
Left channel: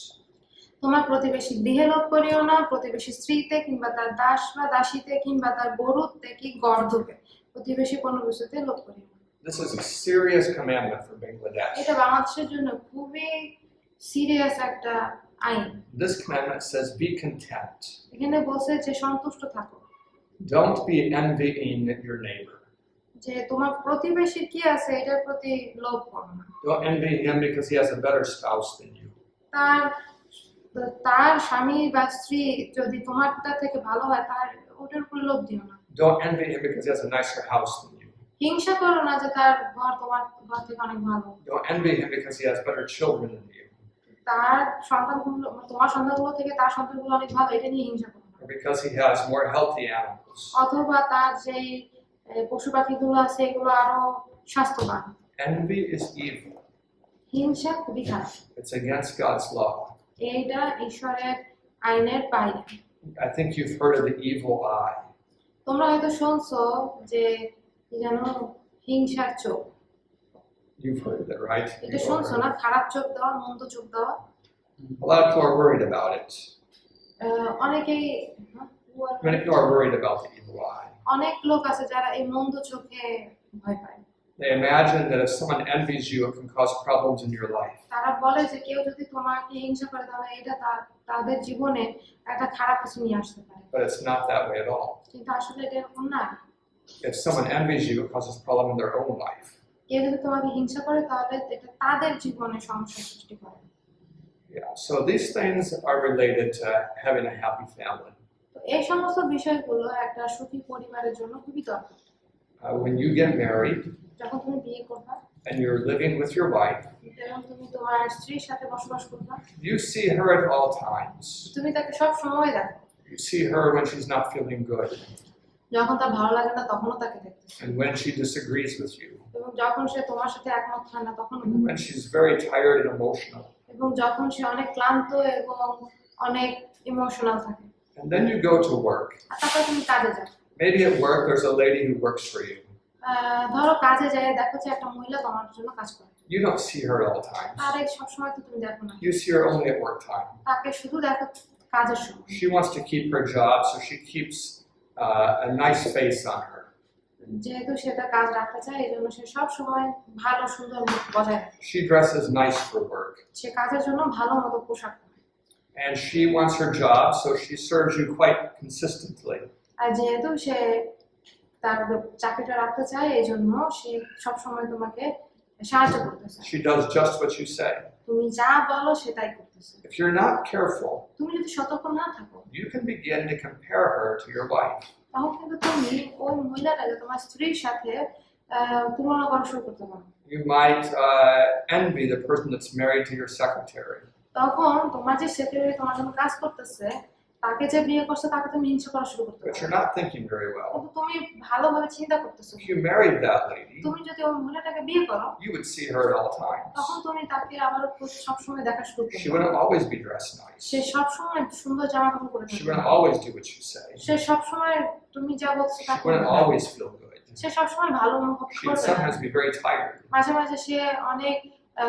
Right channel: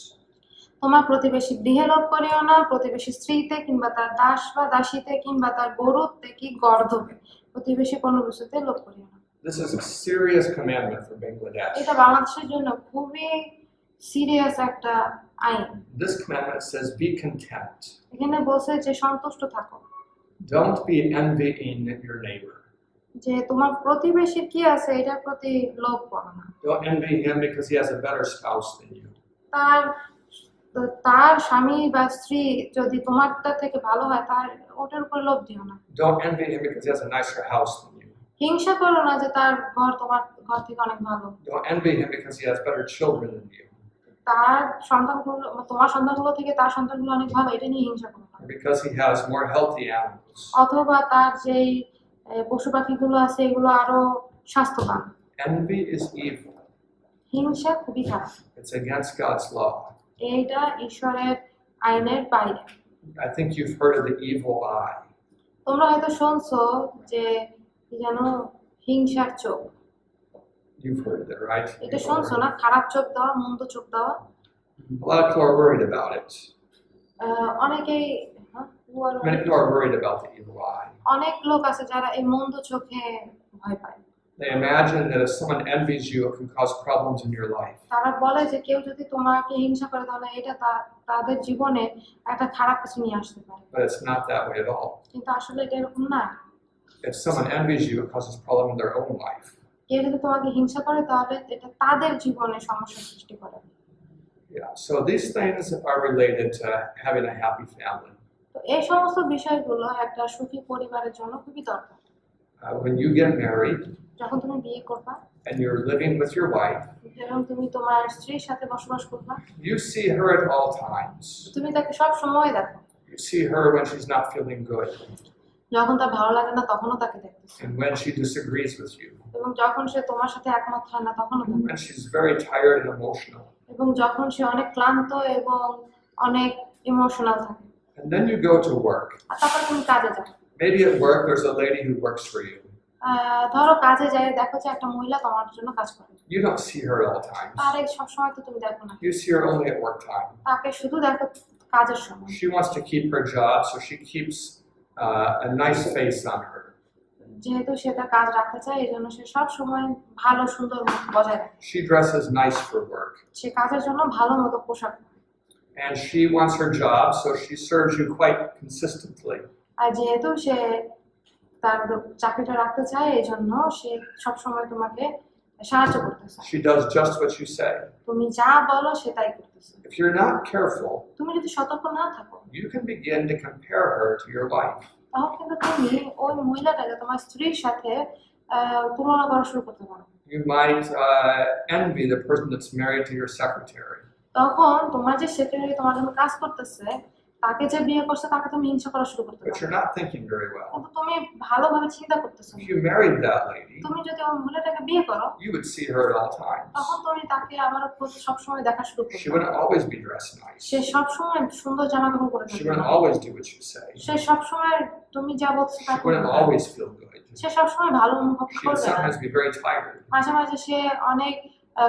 তোমার প্রতিবেশী গৃহে লোভ করিও না, প্রতিবেশী স্ত্রীতে কিংবা তার দাস বা দাসীতে কিংবা তার গরুতে কি গর্ধবে, প্রতিবেশী কোনো কিছুতে লোভ করিও না। This is a serious commandment for Bangladesh. এটা বাংলাদেশের জন্য খুবই সিরিয়াস একটা আইন। This commandment says, be content. এখানে বলছে যে সন্তুষ্ট থাকো। Don't be envying your neighbor. যে তোমার প্রতিবেশীর কি আছে এটার প্রতি লোভ করো না। Don't envy him because he has a better spouse than you. তার স্বামী বা স্ত্রী যদি তোমারটা থেকে ভালো হয় তার ওটার উপর লোভ দিও না। Don't envy him because he has a nicer house than you. হিংসা করো না যে তার ঘর তোমার ঘর থেকে অনেক ভালো। Don't envy him because he has better children than you. তার সন্তানগুলো তোমার সন্তানগুলো থেকে তার সন্তানগুলো অনেক ভালো এটা নিয়ে হিংসা করো না। Or because he has more healthy animals. অথবা তার যেই পশু পাখিগুলো আছে এগুলো আরো স্বাস্থ্যবান। Envy is evil. হিংসা খুবই খারাপ। It's against God's law. এইটা ঈশ্বরের আইনের বাইরে। I think you've heard of the evil eye. তোমরা হয়তো শুনছো যে কি জানো হিংসার চোখ। You've heard of it, right? এটা শুনছো না, খারাপ চোখ দেওয়া, মন্দ চোখ দেওয়া। A lot of people are worried about it. অনেকেই Many people are worried about the evil eye. অনেক লোক আছে যারা এই মন্দ চোখে ভয় পায়। They imagine that if someone envies you, it can cause problems in your life. তারা বলে যে কেউ যদি তোমাকে হিংসা করে তাহলে এটা তাদের জীবনে একটা খারাপ কিছু নিয়ে আসতে পারে। But it's not that way at all. কিন্তু আসলে এটা এরকম না। If someone envies you, it causes problem in their own life. কেউ যদি তোমাকে হিংসা করে তাহলে এটা তাদের জীবনে সমস্যা সৃষ্টি করে। Yeah. So these things are related to having a happy family. তো এই সমস্ত বিষয়গুলো একটা সুখী পরিবারের জন্য খুবই দরকার। When you get married যখন তুমি বিয়ে করবা and you're living with your wife, যখন তুমি তোমার স্ত্রীর সাথে বসবাস করবা, you see her at all times. তুমি তাকে সব সময় দেখো। You see her when she's not feeling good যখন তার ভালো লাগে না তখনও তাকে দেখতেছো। and when she disagrees with you. এবং যখন সে তোমার সাথে একমত হয় না তখনও And দেখো। when she's very tired and emotional. এবং যখন সে অনেক ক্লান্ত এবং অনেক ইমোশনাল থাকে। And then you go to work. আর তারপর তুমি কাজে যাও। Maybe at work there's a lady who works for you. ধরো কাজে যায় দেখো যে একটা মহিলা তোমার জন্য কাজ করে। You don't see her at all times. তার সব সময় তো তুমি দেখো না। You see her only at work time. তাকে শুধু দেখো কাজের সময়। She wants to keep her job, so she keeps a nice face on her. যেহেতু সে তার কাজ রাখতে চায় এই জন্য সে সব সময় ভালো সুন্দর মুখ বজায় রাখে। She dresses nice for work. সে কাজের জন্য ভালো মতো পোশাক পরে। And she wants her job, so she serves you quite consistently. আর যেহেতু সে তার চাকরিটা রাখতে চায় এই জন্য সে সব সময় তোমাকে সাহায্য করতেছে। She does just what you say. তুমি যা বলো সে তাই করতেছে। If you're not careful, তুমি যদি সতর্ক না থাকো you can begin to compare her to your wife. তখন কিন্তু তুমি ওই মহিলাটাকে তোমার স্ত্রীর সাথে তুলনা করা শুরু করতে পারো। You might envy the person that's married to your secretary. তখন তোমার যে সেক্রেটারি তোমার জন্য কাজ করতেছে তাকে যে বিয়ে করছে তাকে তুমি হিংসা করা শুরু করতে But পারো। you're not thinking very well. কিন্তু তুমি ভালোভাবে চিন্তা করতেছো If you married that lady, তুমি যদি ওই মহিলাটাকে বিয়ে করো you would see her at all times. তখন তুমি তাকে আবার সবসময় দেখা শুরু She করবে। wouldn't always be dressed nice. সে সবসময় সুন্দর জামা কাপড় পরে She থাকবে। wouldn't always do what you say. সে সবসময় তুমি যা বলছো তা She wouldn't করবে। always feel good. সে সবসময় ভালো অনুভব She would করবে না। sometimes be very tired. মাঝে মাঝে সে অনেক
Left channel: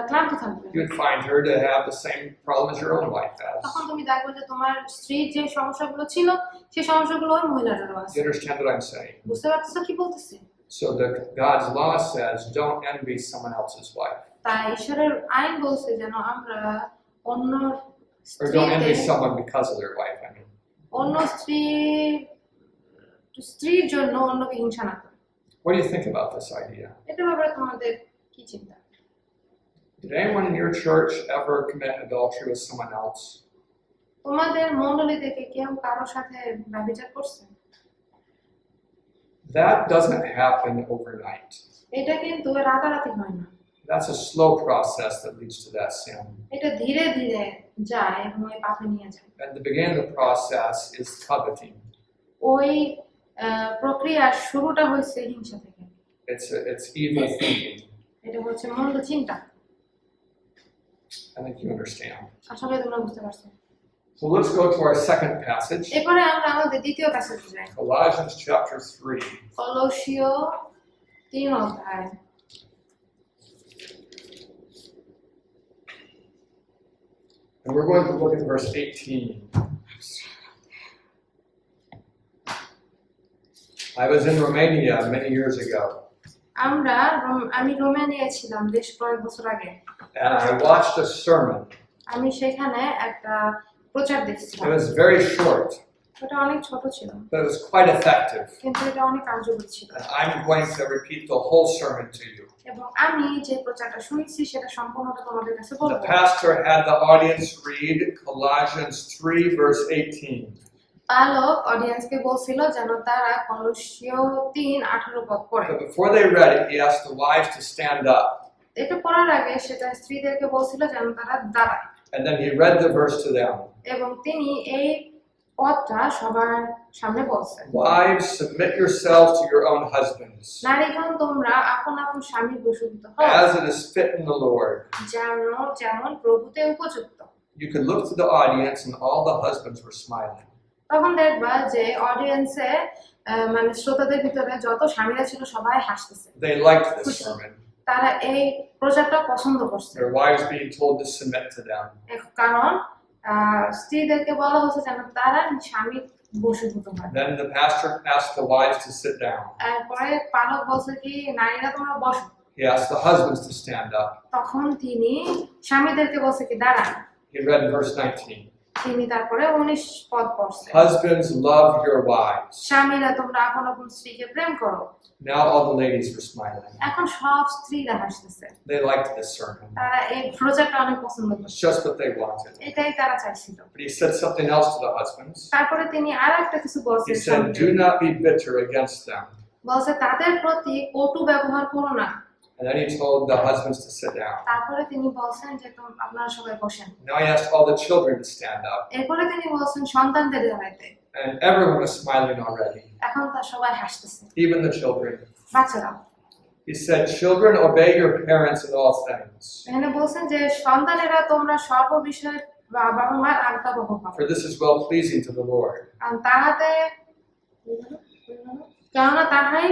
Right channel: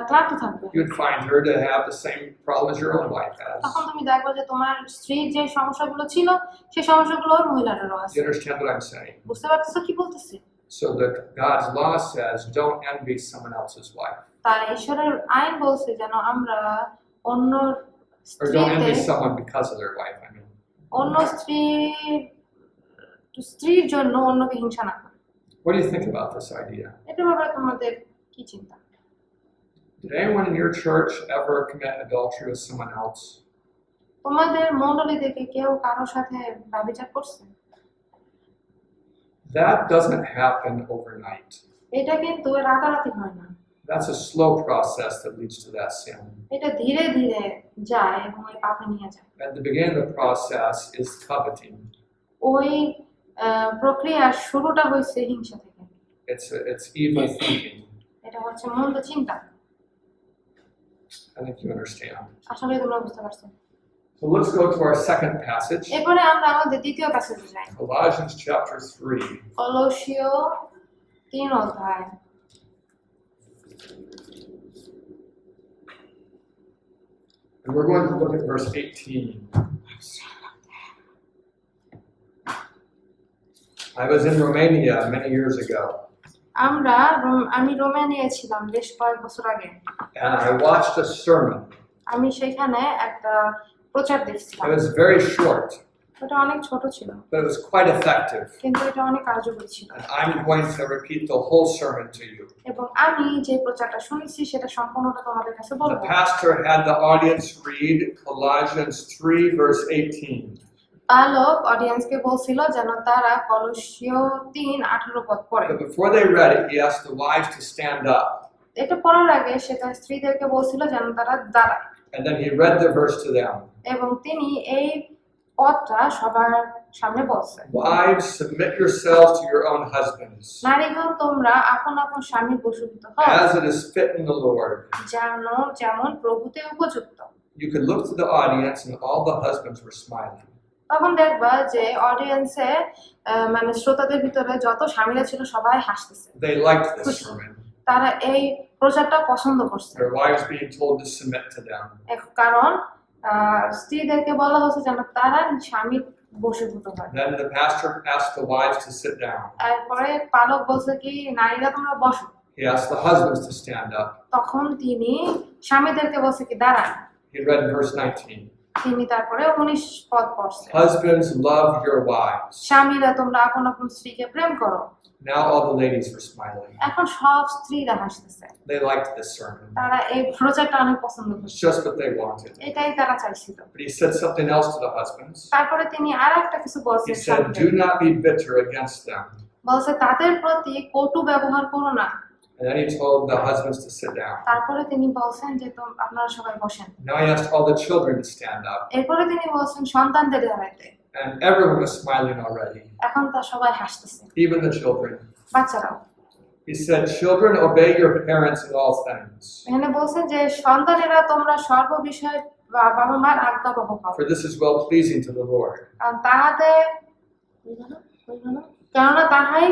ক্লান্ত থাকবে। You would find her to have the same problem as your own wife has. তখন তুমি দেখবে যে তোমার স্ত্রীর যে সমস্যাগুলো ছিল সেই সমস্যাগুলো ওই মহিলাটারও আছে। You understand what I'm saying? বুঝতে পারতেছো কি বলতেছি? So God's law says, don't envy someone else's wife. তাই ঈশ্বরের আইন বলছে যেন আমরা অন্য Or don't envy স্ত্রীদের someone because of their wife, I mean. অন্য স্ত্রীর জন্য অন্যকে হিংসা না করে। What do you think about this idea? এটার ব্যাপারে তোমাদের কি চিন্তা? Did anyone in your church ever commit adultery with someone else? তোমাদের মণ্ডলী থেকে কেউ কারোর সাথে ব্যভিচার করছে? That doesn't happen overnight. এটা কিন্তু রাতারাতি হয় না। That's a slow process that leads to that sin. এটা ধীরে ধীরে যায় এবং ওই পাপে নিয়ে যায়। At the beginning of the process is coveting. ওই প্রক্রিয়ার শুরুটা হয়েছে হিংসা থেকে। It's evil thinking. এটা হচ্ছে মন্দ চিন্তা। I think you understand. আসলে তোমরা বুঝতে পারছো। So let's go to our second passage, এরপরে আমরা আমাদের দ্বিতীয় প্যাসেজে যাই। Colossians chapter 3. কলোসীয় 3 অধ্যায়। And we're going to look at verse 18. I was in Romania many years ago, আমি রোমানিয়ায় ছিলাম বেশ কয়েক বছর আগে। and I watched a sermon. আমি সেখানে একটা প্রচার দেখছিলাম। It was very short, ওটা অনেক ছোট ছিল but it was quite effective. কিন্তু এটা অনেক কার্যকরী ছিল। And I'm going to repeat the whole sermon to you. এবং আমি যে প্রচারটা শুনেছি সেটা সম্পূর্ণটা তোমাদের কাছে The বলবো। pastor had the audience read Colossians 3, verse 18. পালক অডিয়েন্সকে বলছিল যেন তারা কলোসীয় 3:18 পদ পড়ে। But before they read it, he asked the wives to stand up. এটা পড়ার আগে সে তার স্ত্রীদেরকে বলছিল যেন তারা দাঁড়ায় And then he read the verse to them. এবং তিনি এই পদটা সবার সামনে বলছেন। Wives, submit yourselves to your own husbands, নারীগণ তোমরা আপন আপন স্বামীর বশীভূত হও as it is fit in the Lord. যেমন প্রভুতে উপযুক্ত। You could look to the audience, and all the husbands were smiling. তখন দেখবা যে অডিয়েন্সে মানে শ্রোতাদের ভিতরে যত স্বামীরা ছিল সবাই হাসতেছে। They liked this sermon. তারা এই প্রচারটা পছন্দ করছে। Their wives being told to submit to them. কারণ স্ত্রীদেরকে বলা হচ্ছে যেন তারা স্বামীর বশীভূত হয়। Then the pastor asked the wives to sit down. এরপরে পালক বলছে কি নারীরা তোমরা বসো। He asked the husbands to stand up. তখন তিনি স্বামীদেরকে বলছে কি দাঁড়ান। He read verse 19. তিনি তারপরে 19 পদ পড়ছে। Husbands, love your wives. স্বামীরা তোমরা আপন আপন স্ত্রীকে প্রেম করো। Now all the ladies were smiling. এখন সব স্ত্রীরা হাসতেছে। They liked this sermon. তারা এই প্রচারটা অনেক পছন্দ It's করছে। just what they wanted. এটাই তারা চাইছিল। But he said something else to the husbands. তারপরে তিনি আরেকটা কিছু He বলছেন। said, do not be bitter against them. বলছে তাদের প্রতি কটু ব্যবহার করো না। And then he told the husbands to sit down. তারপরে তিনি বলছেন যে আপনারা সবাই বসেন। Now he asked all the children to stand up. এরপরে তিনি বলছেন সন্তানদের দাঁড়াইতে। And everyone was smiling already, এখন তা সবাই হাসতেছে, even the children. বাচ্চারাও। He said, children, obey your parents in all things. এখানে বলছেন যে সন্তানেরা তোমরা সর্ব বিষয়ে বাবা মার আজ্ঞা বহ করো। For this is well pleasing to the Lord. কারণ কেননা তাহাই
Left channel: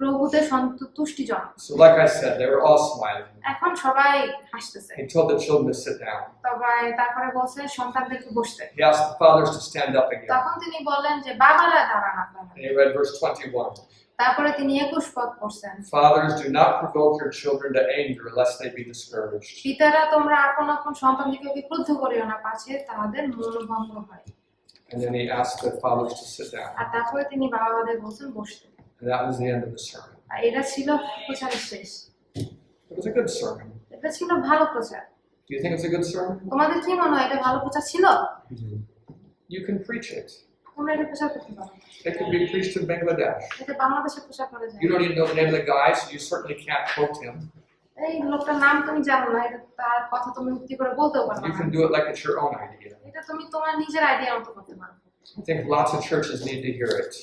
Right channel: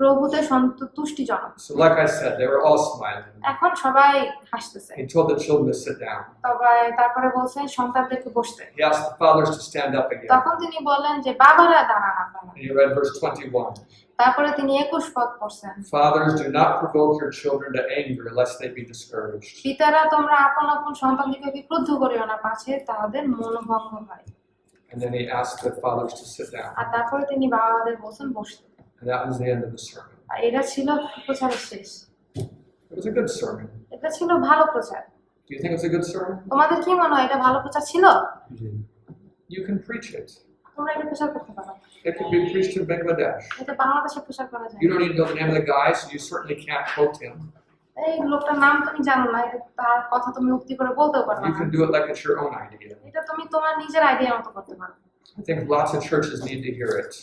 প্রভু প্রভুতে সন্তুষ্টিজনক। So like I said, they were all smiling. এখন সবাই হাসতেছে। He told the children to sit down. তবে তারপরে বলছেন সন্তানদেরকে বসতে। He asked the fathers to stand up again. তখন তিনি বললেন যে বাবারা দাঁড়ান আপনারা। And he read verse 21. তারপরে তিনি 21 পদ পড়ছেন। Fathers, do not provoke your children to anger, lest they be discouraged. পিতারা তোমরা আপন আপন সন্তানদিগকে ক্রুদ্ধ করিও না, পাছে তাহাদের মনোভঙ্গ হয়। And then he asked the fathers to sit down. আর তারপরে তিনি বাবাদের বলছেন বসতে। And that was the end of the sermon. আর এটা ছিল প্রচারের শেষ। It was a good sermon. এটা ছিল ভালো প্রচার। Do you think it's a good sermon? তোমাদের কি মনে হয় এটা ভালো প্রচার ছিল? You can preach it. তোমরা এটা প্রচার করতে পারো। It can be preached in Bangladesh. এটা বাংলাদেশে প্রচার করা যায়। You don't even know the name of the guy, so you certainly can't quote him. এই লোকটার নাম তুমি জানো না, তার কথা তুমি উক্তি করে বলতেও পারো You না। can do it like it's your own idea. এটা তুমি তোমার নিজের আইডিয়ার মতো করতে পারো। I think lots of churches need to hear it.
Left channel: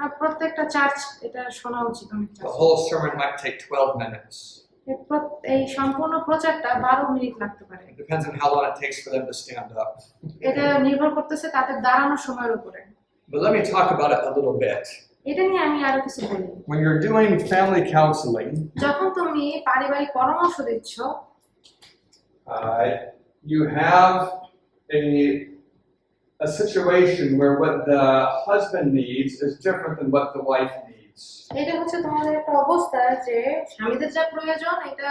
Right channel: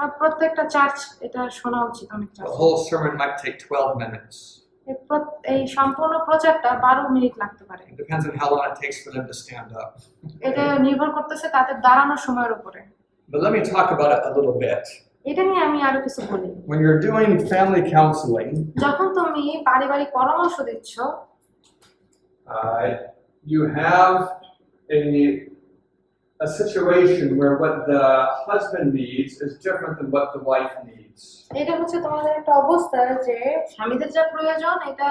আর প্রত্যেকটা চার্চ এটা শোনা উচিত অনেক The church. whole sermon might take 12 minutes. এই সম্পূর্ণ প্রচারটা 12 মিনিট লাগতে পারে। It depends on how long it takes for them to stand up. এটা নির্ভর করতেছে তাদের দাঁড়ানোর সময়ের উপরে। But let me talk about it a little bit. এটা নিয়ে আমি আরো কিছু বলি। When you're doing family counseling, যখন তুমি পারিবারিক পরামর্শ দিচ্ছ, you have a situation where what the husband needs is different than what the wife needs. এটা হচ্ছে তোমাদের একটা অবস্থা যে স্বামীদের যা প্রয়োজন এটা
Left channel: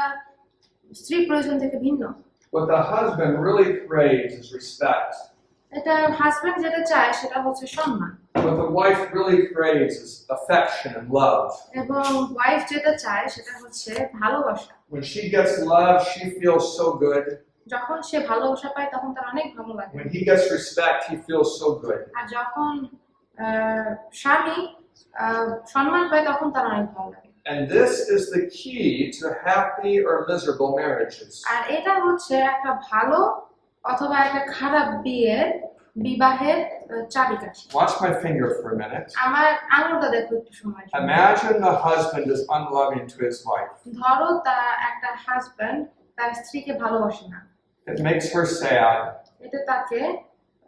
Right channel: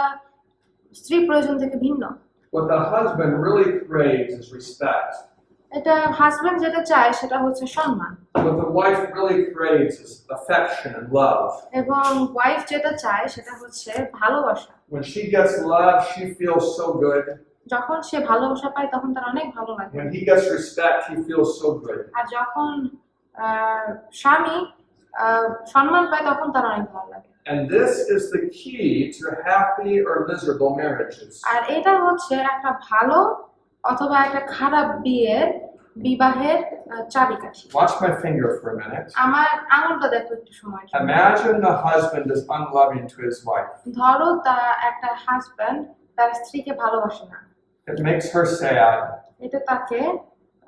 স্ত্রী প্রয়োজন থেকে ভিন্ন। What the husband really craves is respect. এটা হাজবেন্ড যেটা চায় সেটা হচ্ছে সম্মান, What the wife really craves is affection and love. এবং ওয়াইফ যেটা চায় সেটা হচ্ছে ভালোবাসা। When she gets love, she feels so good. যখন সে ভালোবাসা পায় তখন তার অনেক ভালো লাগে, When he gets respect, he feels so good. আর যখন স্বামী সম্মান পায় তখন তার অনেক ভালো লাগে। And this is the key to happy or miserable marriages. আর এটা হচ্ছে একটা ভালো অথবা একটা খারাপ বিবাহের চাবিকাঠি। Watch my finger for a minute. আমার আঙুলটা দেখো একটু সময়। Imagine the husband is unloving to his wife. ধরো একটা হাজবেন্ড তার স্ত্রীকে ভালোবাসে না, It makes her sad, এটা তাকে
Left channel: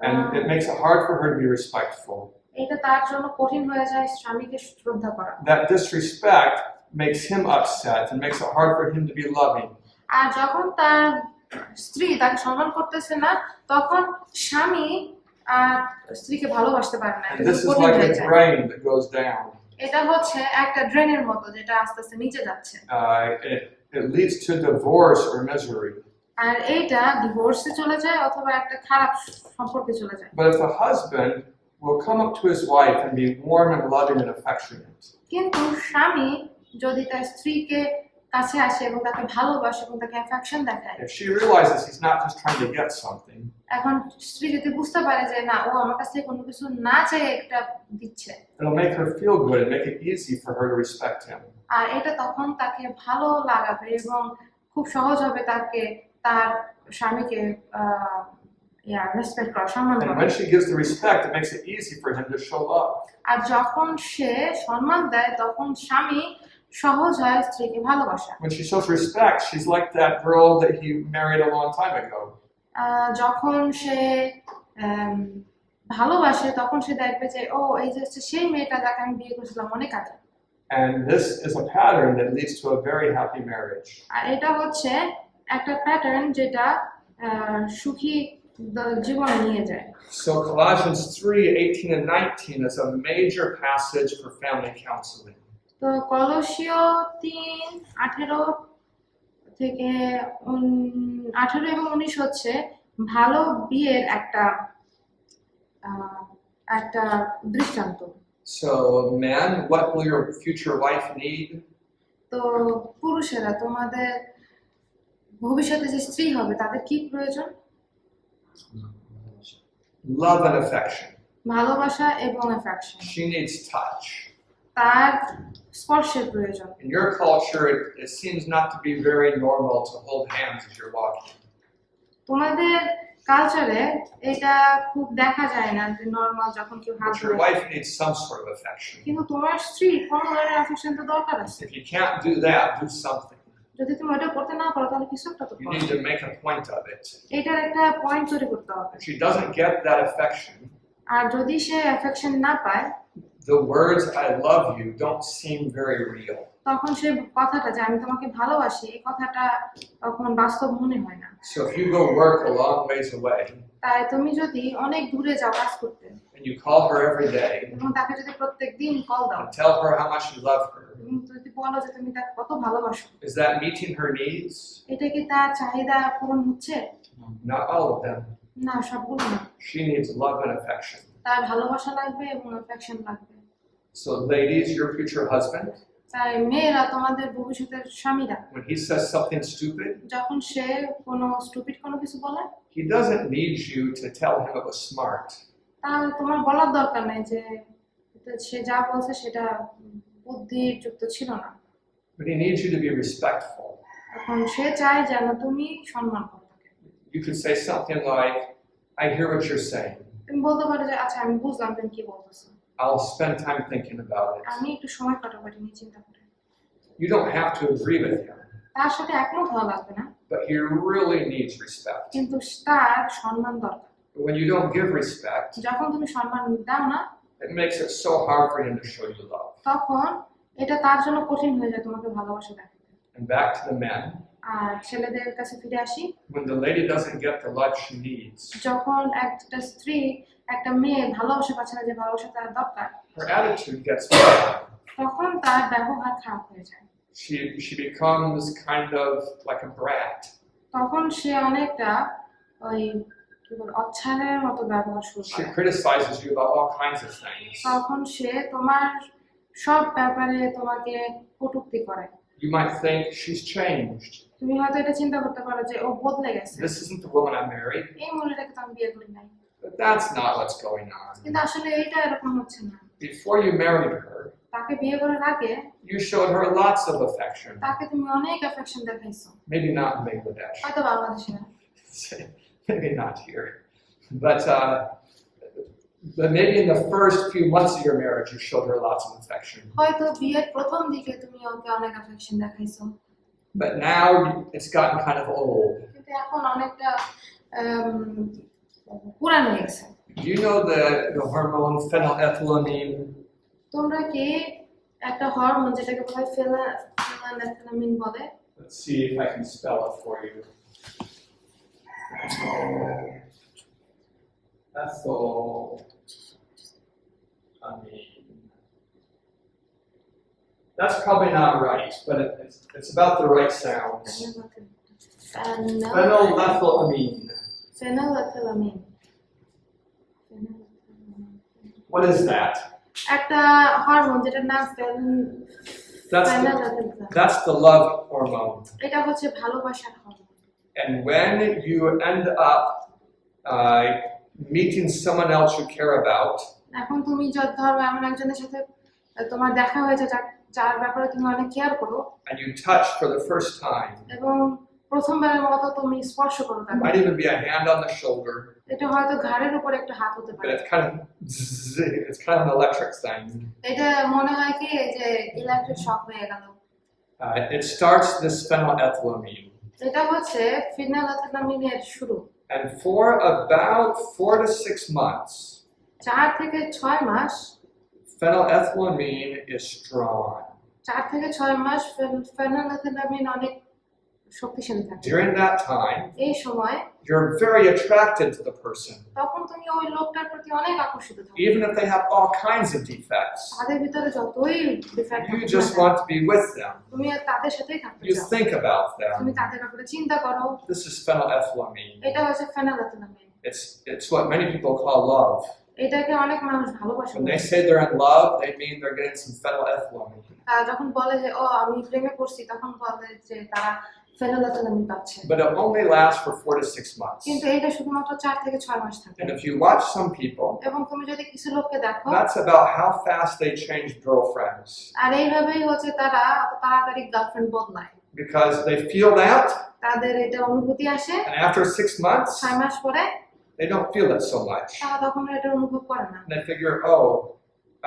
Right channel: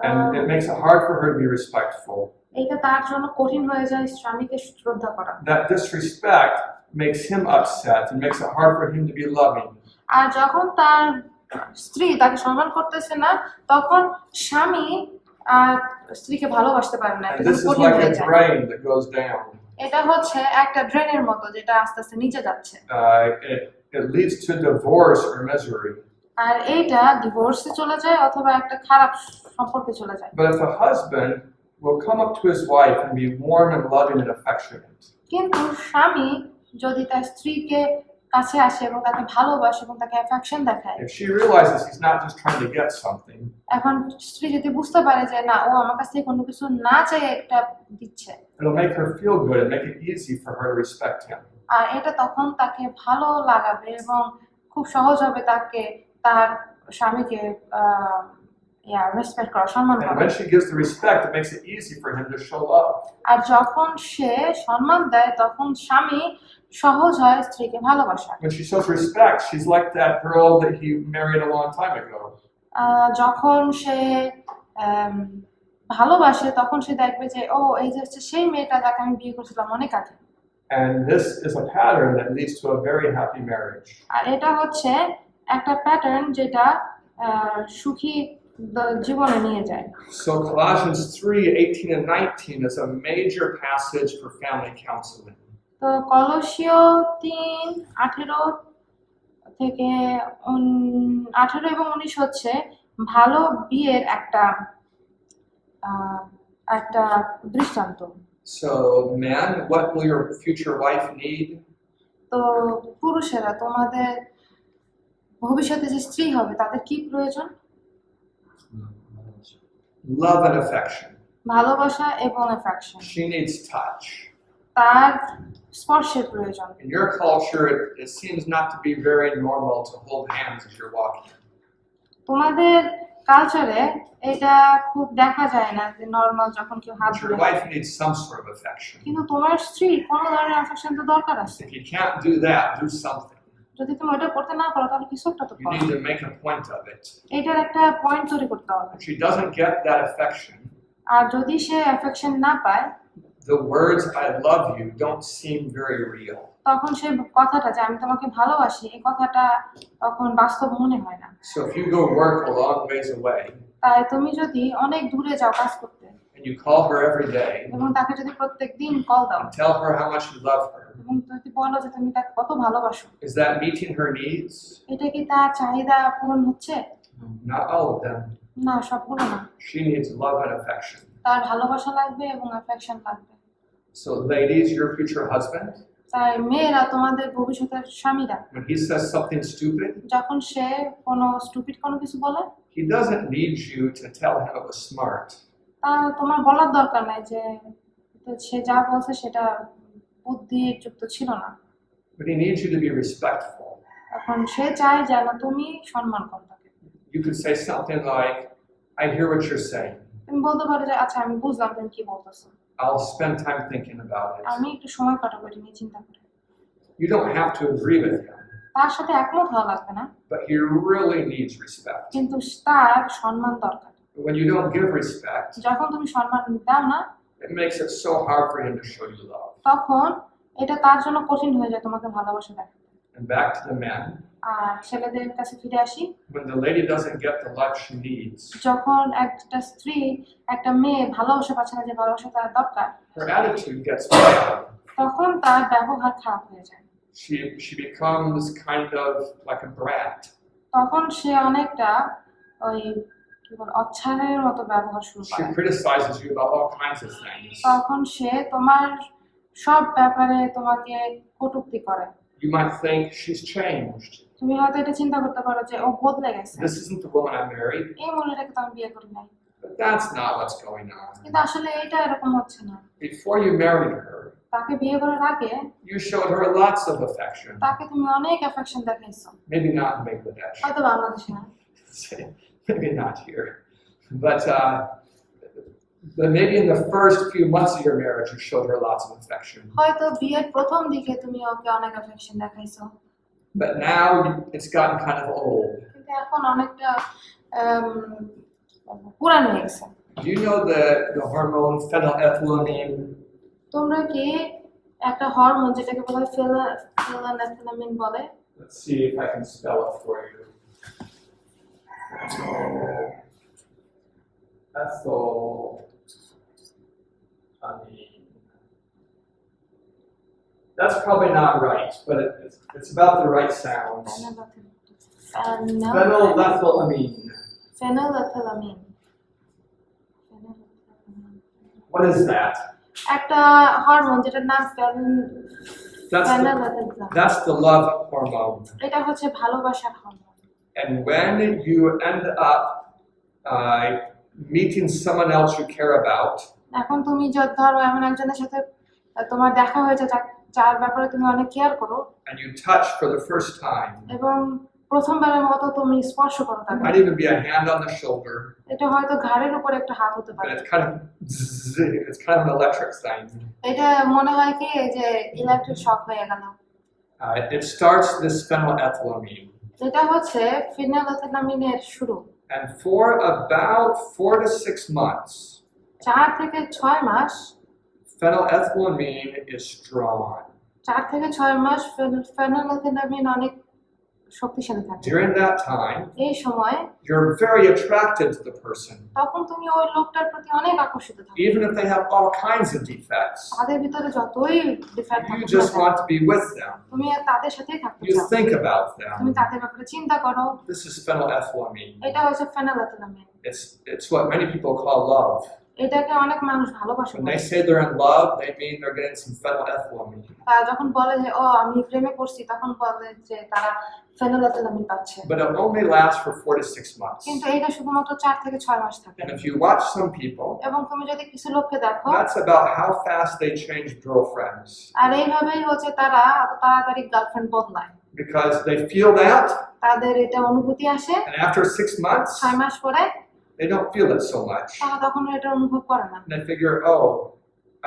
and it makes it hard for her to be respectful. এটা তার জন্য কঠিন হয়ে যায় স্বামীকে শ্রদ্ধা করা। That disrespect makes him upset and makes it hard for him to be loving. আর যখন তার স্ত্রী তাকে সম্মান করতেছে না তখন স্বামী আর স্ত্রীকে ভালোবাসতে পারে না। And this is like a drain that goes down. এটা হচ্ছে একটা ড্রেনের মতো যেটা আস্তে আস্তে নিচে যাচ্ছে। It leads to divorce or misery. আর এইটা ডিভোর্সে চলে যায় অথবা একটা খারাপ সম্পর্কে চলে যায়। But if a husband will come up to his wife and be warm and loving and affectionate, কিন্তু স্বামী যদি তার স্ত্রীকে কাছে আসে এবং তাকে ভালোবাসে এবং তাকে অ্যাফেকশন দেখায়, if she realizes he's not just trying to get something, এখন স্ত্রী যদি বুঝতে পারে যে না ও আমার কাছ থেকে কোনো কিছু না চাই একটা দিচ্ছে, it'll make her feel good and make it easy for her to respect him. আর এটা তখন তাকে ভালো লাগাবে এবং খুব সহজ হবে তাকে তার স্বামীকে রেসপেক্ট করা, সম্মান And করা। when she gives the respect, it makes it easy for him to show love. আর যখন সে সম্মান দেয় তখন স্বামী সহজ হয় স্ত্রীকে ভালোবাসা। When she shows respect, she's like that girl that he married a long time ago. যখন সে ভালোবাসে তখন সে দেখবে যে ও এই যে হচ্ছে সেই মেয়েটা যাকে আমি বিয়ে করেছিলাম অনেক আগে। And this is a pattern that leads to a very happy marriage. আর এটা হচ্ছে একটা প্যাটার্ন যেটা সুখী জীবনে নিয়ে যায়। So Colossians 3:18 and 19 is a major passage for family counseling. তো কলসীয় 3:18 থেকে 18 এবং 19 হচ্ছে ভালো বিয়ের একটা দৃষ্টান্ত। So men, what will your future wife need? তো পুরুষেরা তোমাদের ভবিষ্যতে যে স্ত্রী হবে তাদের কি প্রয়োজন? Love and affection. ভালোবাসা এবং অ্যাফেকশন। She needs touch. তার স্পর্শের প্রয়োজন। In your culture, it seems not to be very normal to hold hands as you're walking. তোমাদের কালচারে এটা খুব দেখা যায় না যে নরমাল যখন কেউ হাত But your ধরে। wife needs some sort of affection. কিন্তু তোমার স্ত্রী কোনো ধরনের অ্যাফেকশন তো দরকার আছে। If you can't do that, do something. যদি তুমি ওটা করতে না পারো তাহলে কিছু একটা তো You করো। need to make a point of it. এটার একটা পয়েন্ট তৈরি করতে হবে। If she doesn't get that affection, আর যদি সে অ্যাফেকশন না পায়, the words "I love you" don't seem very real. তখন সেই কথাটা যে আমি তোমাকে ভালোবাসি এই কথাটা তখন বাস্তব মনে হয় না। So if you go work a long ways away তাই তুমি যদি অনেক দূরে যাও কাজ করতে and you call her every day এবং তাকে যদি প্রত্যেকদিন কল দাও and tell her how much you love her, এবং যদি বলো যে তুমি তাকে কত ভালোবাসো, is that meeting her needs? এটা কি তার চাহিদা পূরণ হচ্ছে? Not all of them. না, সবগুলো না। She needs love and affection. তার ভালোবাসা লাগবে এবং অ্যাফেকশন লাগবে। So ladies, your future husband, তাই মেয়েরা তোমাদের ভবিষ্যতের স্বামীরা when he says something stupid, যখন সে কোনো স্টুপিড কোনো কিছু বলে he doesn't need you to tell him it was smart. তা তোমার বলার দরকার নাই যে সে যা বলছে সেটা বুদ্ধিযুক্ত ছিল না, But he needs you to be respectful. এখন সে চায় যেন তুমি সম্মান করো তাকে। You could say something like, "I hear what you're saying. তুমি বলতে পারো যে আচ্ছা আমি বুঝলাম তুমি কি বলতেছো, I'll spend time thinking about it." আমি একটু সময় কাটাবো এটা নিয়ে চিন্তা করে। You don't have to agree with him, তার সাথে একমত হওয়া লাগবে না, but he really needs respect. কিন্তু তার সম্মান দরকার। When you don't give respect, যখন তুমি সম্মান দাও না it makes it so hard for him to show you love. তখন এটা তার জন্য কঠিন হয়ে যায় তোমাকে ভালোবাসা দেখাতে। And back to the men, আর ছেলেদের কাছে ফিরে আসি, when the lady doesn't get the love she needs, যখন একটা স্ত্রী একটা মেয়ে ভালোবাসা পাচ্ছে না যে ভালোবাসা তার দরকার, her attitude gets bad. তখন তার ব্যবহার খারাপ হয়ে যায়, She becomes kind of like a brat. তখন সে অনেকটা ওই কি বল অচ্ছারের মতো ব্যবহার শুরু She করে, criticizes you about all kinds of things. তখন সে তোমার সব ব্যাপারে তোমাকে কটূক্তি করে। You might think she's changed. তুমি হয়তো এটা চিন্তা করতে পারো যে ও বদলে গেছে, This isn't the woman I married. এই মহিলাটাকে তো আমি বিয়ে করি নাই, But that's not what's going on. কিন্তু আসলে এইটা এরকম হচ্ছে না। Before you married her, তাকে বিয়ে করার আগে you showed her lots of affection. তাকে তুমি অনেক অ্যাফেকশন দেখাইছো, Maybe not in Bangladesh. হয়তো বাংলাদেশে না, Maybe not here. But maybe in the first few months of your marriage, you showed her lots of affection. হয়তো বিয়ের প্রথম দিকে তুমি ওকে অনেক অ্যাফেকশন দেখাইছো, But now it's gotten kind of old. কিন্তু এখন অনেকটা পুরান হয়ে গেছে। Do you know the hormone phenylethylamine? তোমরা কি একটা হরমোন যেটাকে বলা হয় ফেলানেথ্যালামিন বলে, Let's see if I can spell it for you. Ethylamine. That's probably not right, but it's about the right sounds. Phenylethylamine. ফেনালেথ্যালামিন। What is that? একটা hormone যেটার নাম ফেনালেথ্যালামিন। That's the love hormone. এটা হচ্ছে ভালোবাসার hormone. And when you end up meeting someone else you care about, এখন তুমি ধরো এমন একজনের সাথে তোমার দেখা হয়েছে যার ব্যাপারে তুমি অনেক কেয়ার করো, and you touch for the first time, এবং প্রথমবারের মতো তুমি স্পর্শ করো it তাকে, might even be a hand on the shoulder, এটা হয়তো ঘাড়ের উপর একটা হাত হতে but পারে, it's kind of an electric thing. এটা মনে হয় কি যে ইলেকট্রিক শক হয়ে গেল। It starts this phenylethylamine, এটা হচ্ছে ফেনালেথ্যালামিনের শুরু। and for about 4 to 6 months, 4 থেকে 6 মাস, phenylethylamine is strong. 4 থেকে 6 মাস ফেনালেথ্যালামিন অনেক শক্তিশালী থাকে। During that time, এই সময় you're very attracted to the person, তখন তুমি ওই লোকটার প্রতি অনেক আকর্ষিত থাকো, even if they have all kinds of defects. তাদের ভিতরে যতই ডিফেক্ট You থাকে just want to be with them. তুমি আর তাদের সাথেই থাকতে You চাও, think about তুমি them. তাদের ব্যাপারে চিন্তা করো। This is phenylethylamine. এটা হচ্ছে ফেনালেথ্যালামিন, It's what many people call love. এটাকে অনেক মানুষ ভালোবাসে When বলে। they say they're in love, they mean they're getting some phenylethylamine. তারা যখন বলে যে ও আমি প্রেমে পড়ছি, তখন বলে যে তারা ফেনালেথ্যালামিন পাচ্ছে, But it only lasts for 4 to 6 months. কিন্তু এটা শুধুমাত্র 4 থেকে 6 মাস থাকে। And if you watch some people, এবং তুমি যদি কিছু লোককে দেখো, that's about how fast they change girlfriends. আর এইভাবেই হচ্ছে তারা এত তাড়াতাড়ি গার্লফ্রেন্ড বদলায়, Because they feel that, তাদের এটা অনুভূতি আসে, and after 6 months, 6 মাস পরে they don't feel it so much. তারা তখন এটা অনুভব করে না, And they figure, oh,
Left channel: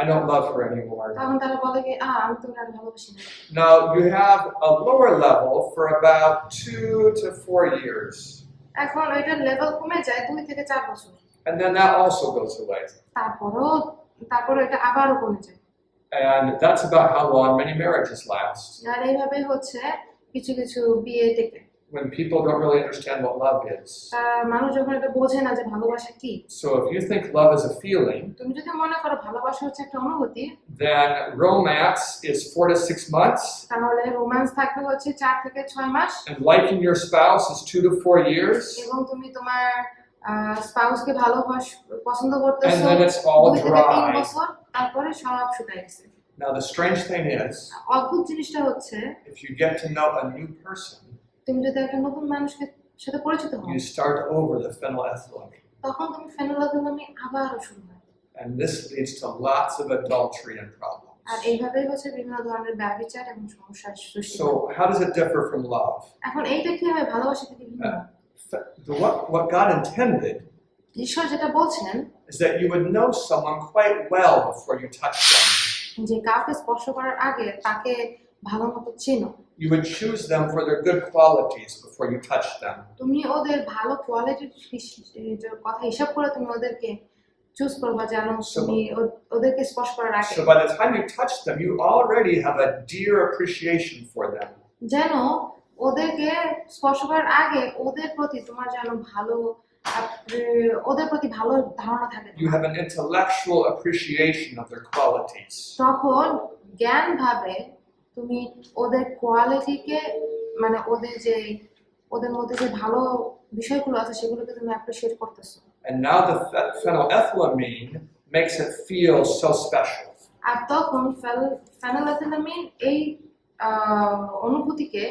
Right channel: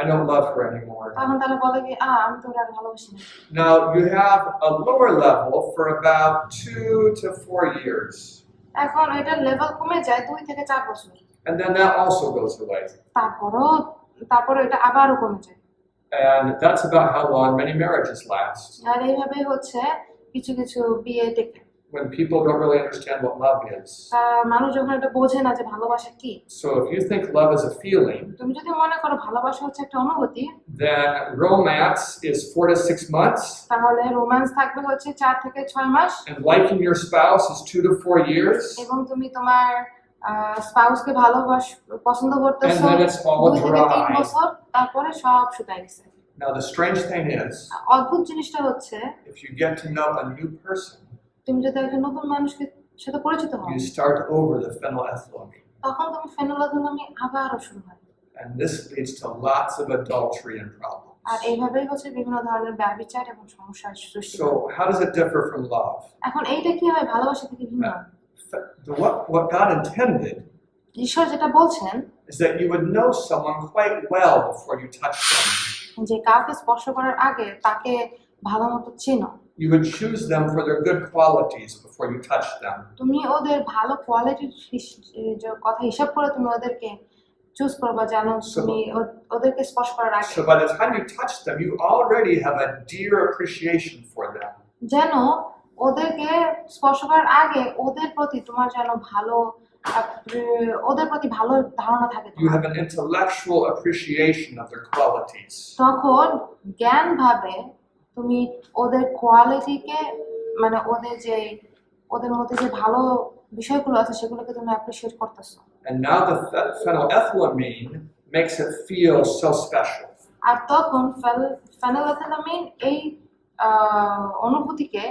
I don't love her anymore. তখন তারা বলে কি আমি তো ওর আর ভালোবাসি না। Now, you have a lower level for about 2 to 4 years. এখন এটার লেভেল কমে যায় 2 থেকে 4 বছর, And then that also goes away. তারপরও তারপরে এটা আবারও কমে যায়। And that's about how long many marriages last. আর এইভাবেই হচ্ছে কিছু কিছু বিয়ে টেকে। When people don't really understand what love is. মানুষ যখন এটা বোঝে না যে ভালোবাসা কি। So if you think love is a feeling, তুমি যদি মনে করো ভালোবাসা হচ্ছে একটা অনুভূতি, then romance is 4 to 6 months, তাহলে রোম্যান্স থাকবে হচ্ছে 4 থেকে 6 মাস, and liking your spouse is 2 to 4 years, এবং তুমি তোমার স্পাউসকে পছন্দ and করতেছো then it's all 2 থেকে 3 dry. বছর, তারপরে সব শুকায় গেছে। Now the strange thing is, অদ্ভুত জিনিসটা হচ্ছে if you get to know a new person, তুমি যদি একজন নতুন মানুষের সাথে পরিচিত হও, you start over the phenylethylamine. তখন তুমি ফেনোলেথিলামিন আবারও শুরু হয়। And this leads to lots of adultery and problems. আর এইভাবেই হচ্ছে বিভিন্ন ধরনের ব্যভিচার এবং সমস্যার সৃষ্টি হয়। So how does it differ from love? এখন এইটা কি হয় ভালোবাসা থেকে ভিন্ন? What God intended ঈশ্বর যেটা বলছেন is that you would know someone quite well before you touch them. যে কাউকে স্পর্শ করার আগে তাকে ভালোমতো চিনো। You would choose them for their good qualities before you touch them. তুমি ওদের ভালো কোয়ালিটির কথা হিসাব করে তুমি ওদেরকে চুজ করবা, যেন তুমি ওদেরকে স্পর্শ করার আগে So by the time you touch them, you already have a dear appreciation for them. যেন ওদেরকে স্পর্শ করার আগে ওদের প্রতি তোমার যেন ভালো ওদের প্রতি ভালো ধারণা থাকে। You have an intellectual appreciation of their qualities. তখন জ্ঞান ভাবে তুমি ওদের কোয়ালিটিকে, মানে ওদের মধ্যে যে ভালো বিষয়গুলো আছে সেগুলোকে তুমি অ্যাপ্রিশিয়েট করতেছো। And now the phenylethylamine makes it feel so special. আর তখন ফেনোলেথিলামিন এই অনুভূতিকে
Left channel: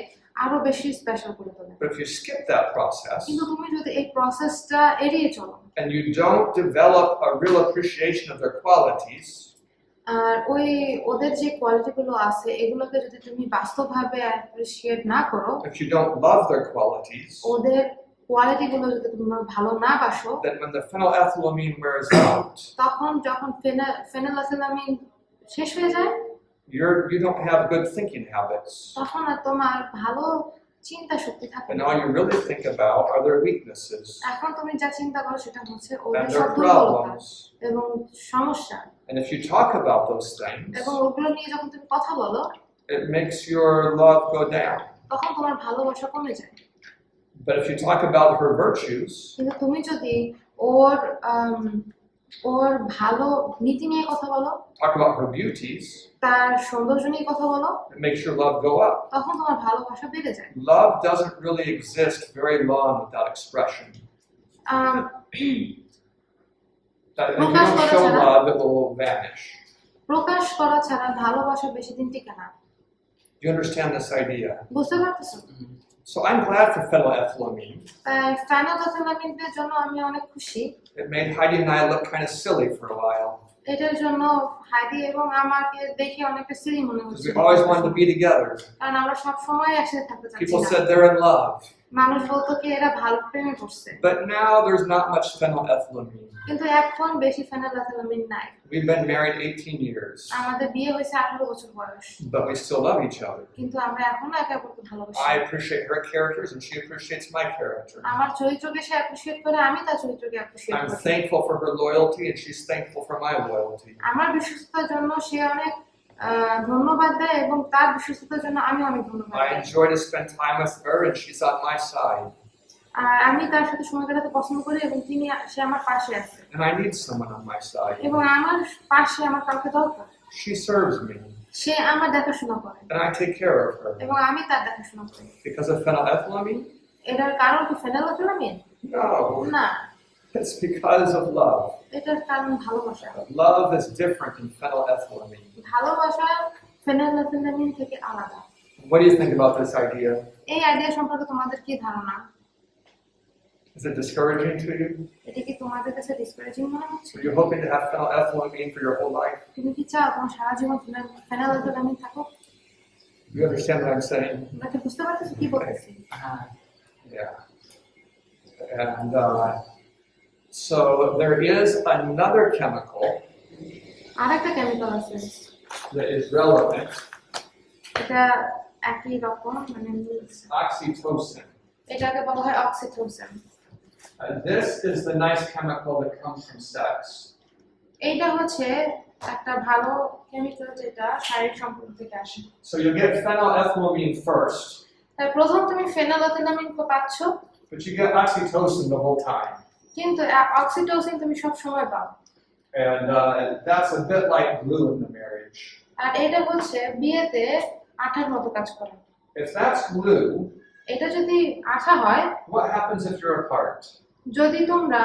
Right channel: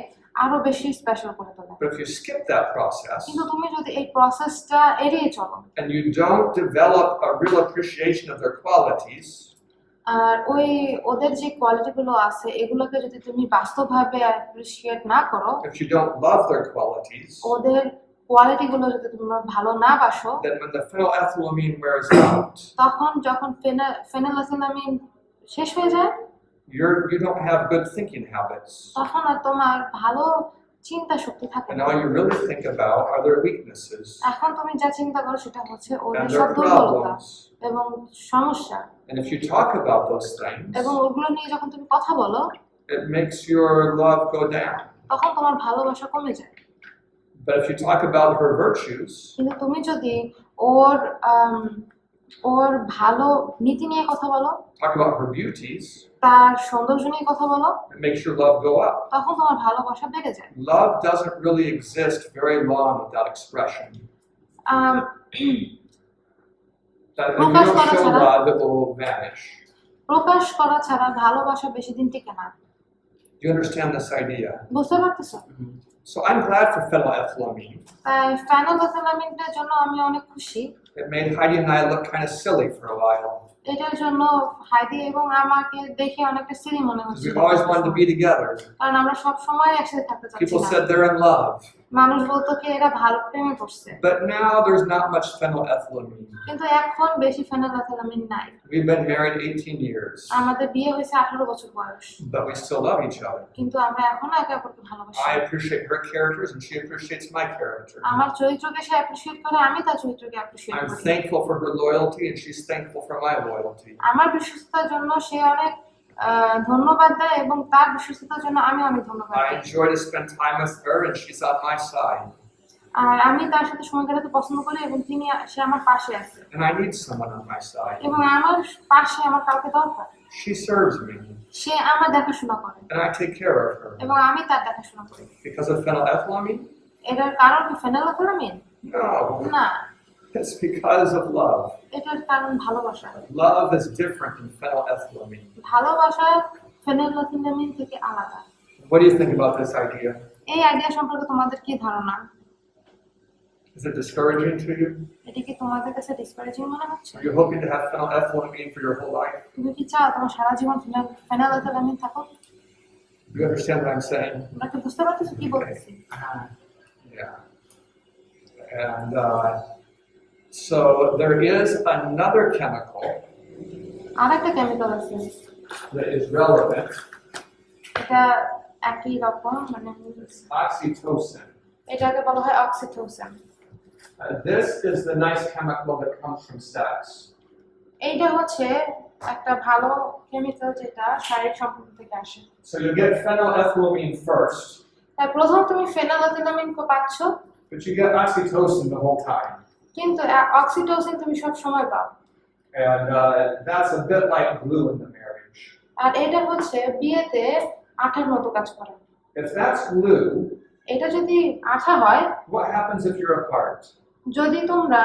আরো বেশি স্পেশাল করে তোলে। But if you skip that process কিন্তু তুমি যদি এই প্রসেসটা এড়িয়ে চলো and you don't develop a real appreciation of their qualities, আর ওদের যে কোয়ালিটিগুলো আছে এগুলোকে যদি তুমি বাস্তবভাবে অ্যাপ্রিশিয়েট না করো, if you don't love their qualities, ওদের কোয়ালিটিগুলো যদি তুমি ভালো না বাসো, then when the phenylethylamine wears out, তখন যখন ফেনোলেথিলামিন শেষ হয়ে যায়, you don't have good thinking habits. তখন আর তোমার ভালো চিন্তা শক্তি থাকে And না। all you really think about are their weaknesses এখন তুমি যা চিন্তা করো সেটা হচ্ছে ওদের and সব their দুর্বলতা problems. এবং সমস্যা, And if you talk about those things, এবং ওগুলো নিয়ে যখন তুমি কথা বলো it makes your love go down. তখন তোমার ভালোবাসা কমে যায়। But if you talk about her virtues, কিন্তু তুমি যদি ওর ভালো নীতি নিয়ে কথা বলো, talk about her beauties, তার সৌন্দর্য নিয়ে কথা বলো, it makes your love go up. তখন তোমার ভালোবাসা বেড়ে যায়। Love doesn't really exist very long without expression. That if you don't show love, it will vanish. প্রকাশ করা ছাড়া ভালোবাসা বেশি দিন টিকে না। Do you understand this idea? বুঝতে পারতেছো? So I'm glad for phenylethylamine. তাই ফেনোলেথিলামিনের জন্য আমি অনেক খুশি। It made Heidi and I look kind of silly for a while এটার জন্য হাইদি এবং আমাকে দেখে অনেকটা সিলি মনে because হচ্ছে, we always wanted to be together. কারণ আমরা সব সময় একসাথে থাকতে People চাচ্ছি said না। they're in love, মানুষ বলতো কি এরা ভালো প্রেমে পড়ছে, but now there's not much phenylethylamine. কিন্তু এখন বেশি ফেনোলেথিলামিন নাই। We've been married 18 years, আমাদের বিয়ে হয়েছে 18 বছর বয়স, but we still love each other. কিন্তু আমরা এখনো একে অপরকে ভালোবাসি। I appreciate her characters and she appreciates my character. আমার চরিত্রকে সে অ্যাপ্রিশিয়েট করে, আমি তার চরিত্রকে অ্যাপ্রিশিয়েট I'm করি। thankful for her loyalty and she's thankful for my loyalty. আমার বিশ্বস্ততার জন্য সে অনেক ধন্যবাদ দেয় এবং তার বিশ্বস্ততার জন্য আমি অনেক ধন্যবাদ I দিই। enjoy to spend time with her and she's on my side. আর আমি তার সাথে সময় কাটাতে পছন্দ করি এবং সে আমার পাশে আছে, And I need someone on my side. এবং আমার পাশে আমার কাউকে দরকার। She serves me সে আমার দেখাশোনা করে and I take care of her. এবং আমি তার দেখাশোনা করি। Because of phenylethylamine? এটার কারণ কি ফেনোলেথিলামিন? No, না, it's because of love. এটার কারণ ভালোবাসা। Love is different than phenylethylamine. ভালোবাসা ফেনোলেথিলামিন থেকে আলাদা। What do you think about this idea? এই আইডিয়া সম্পর্কে তোমাদের কি ধারণা? Is it discouraging to you? এটা কি তোমাদের কাছে ডিসকারেজিং মনে হচ্ছে? Are you hoping to have phenylethylamine for your whole life? তুমি কি চাও তোমার সারা জীবন ফেনোলেথিলামিন থাকো? Do you understand what I'm saying? তোমরা কি বুঝতে পারতেছো কি বলতেছি? Yeah. And so there is another chemical আরেকটা কেমিক্যাল আছে, that is relevant, এটা একই রকম, মানে oxytocin. এটাকে বলা হয় oxytocin. This is the nice chemical that comes from sex. এইটা হচ্ছে একটা ভালো কেমিক্যাল যেটা শারীরিক সম্পর্ক থেকে আসে। So you get phenylethylamine first, তাই প্রথম তুমি ফেনাইলেথিলামিন পাচ্ছ, but you get oxytocin the whole time. কিন্তু অক্সিটোসিন তুমি সব সময় পাও। And that's a bit like glue in the marriage. আর এটা হচ্ছে বিয়েতে আঠার মতো কাজ করে। If that's glue, এটা যদি আঠা হয়, what happens if you're apart? যদি তোমরা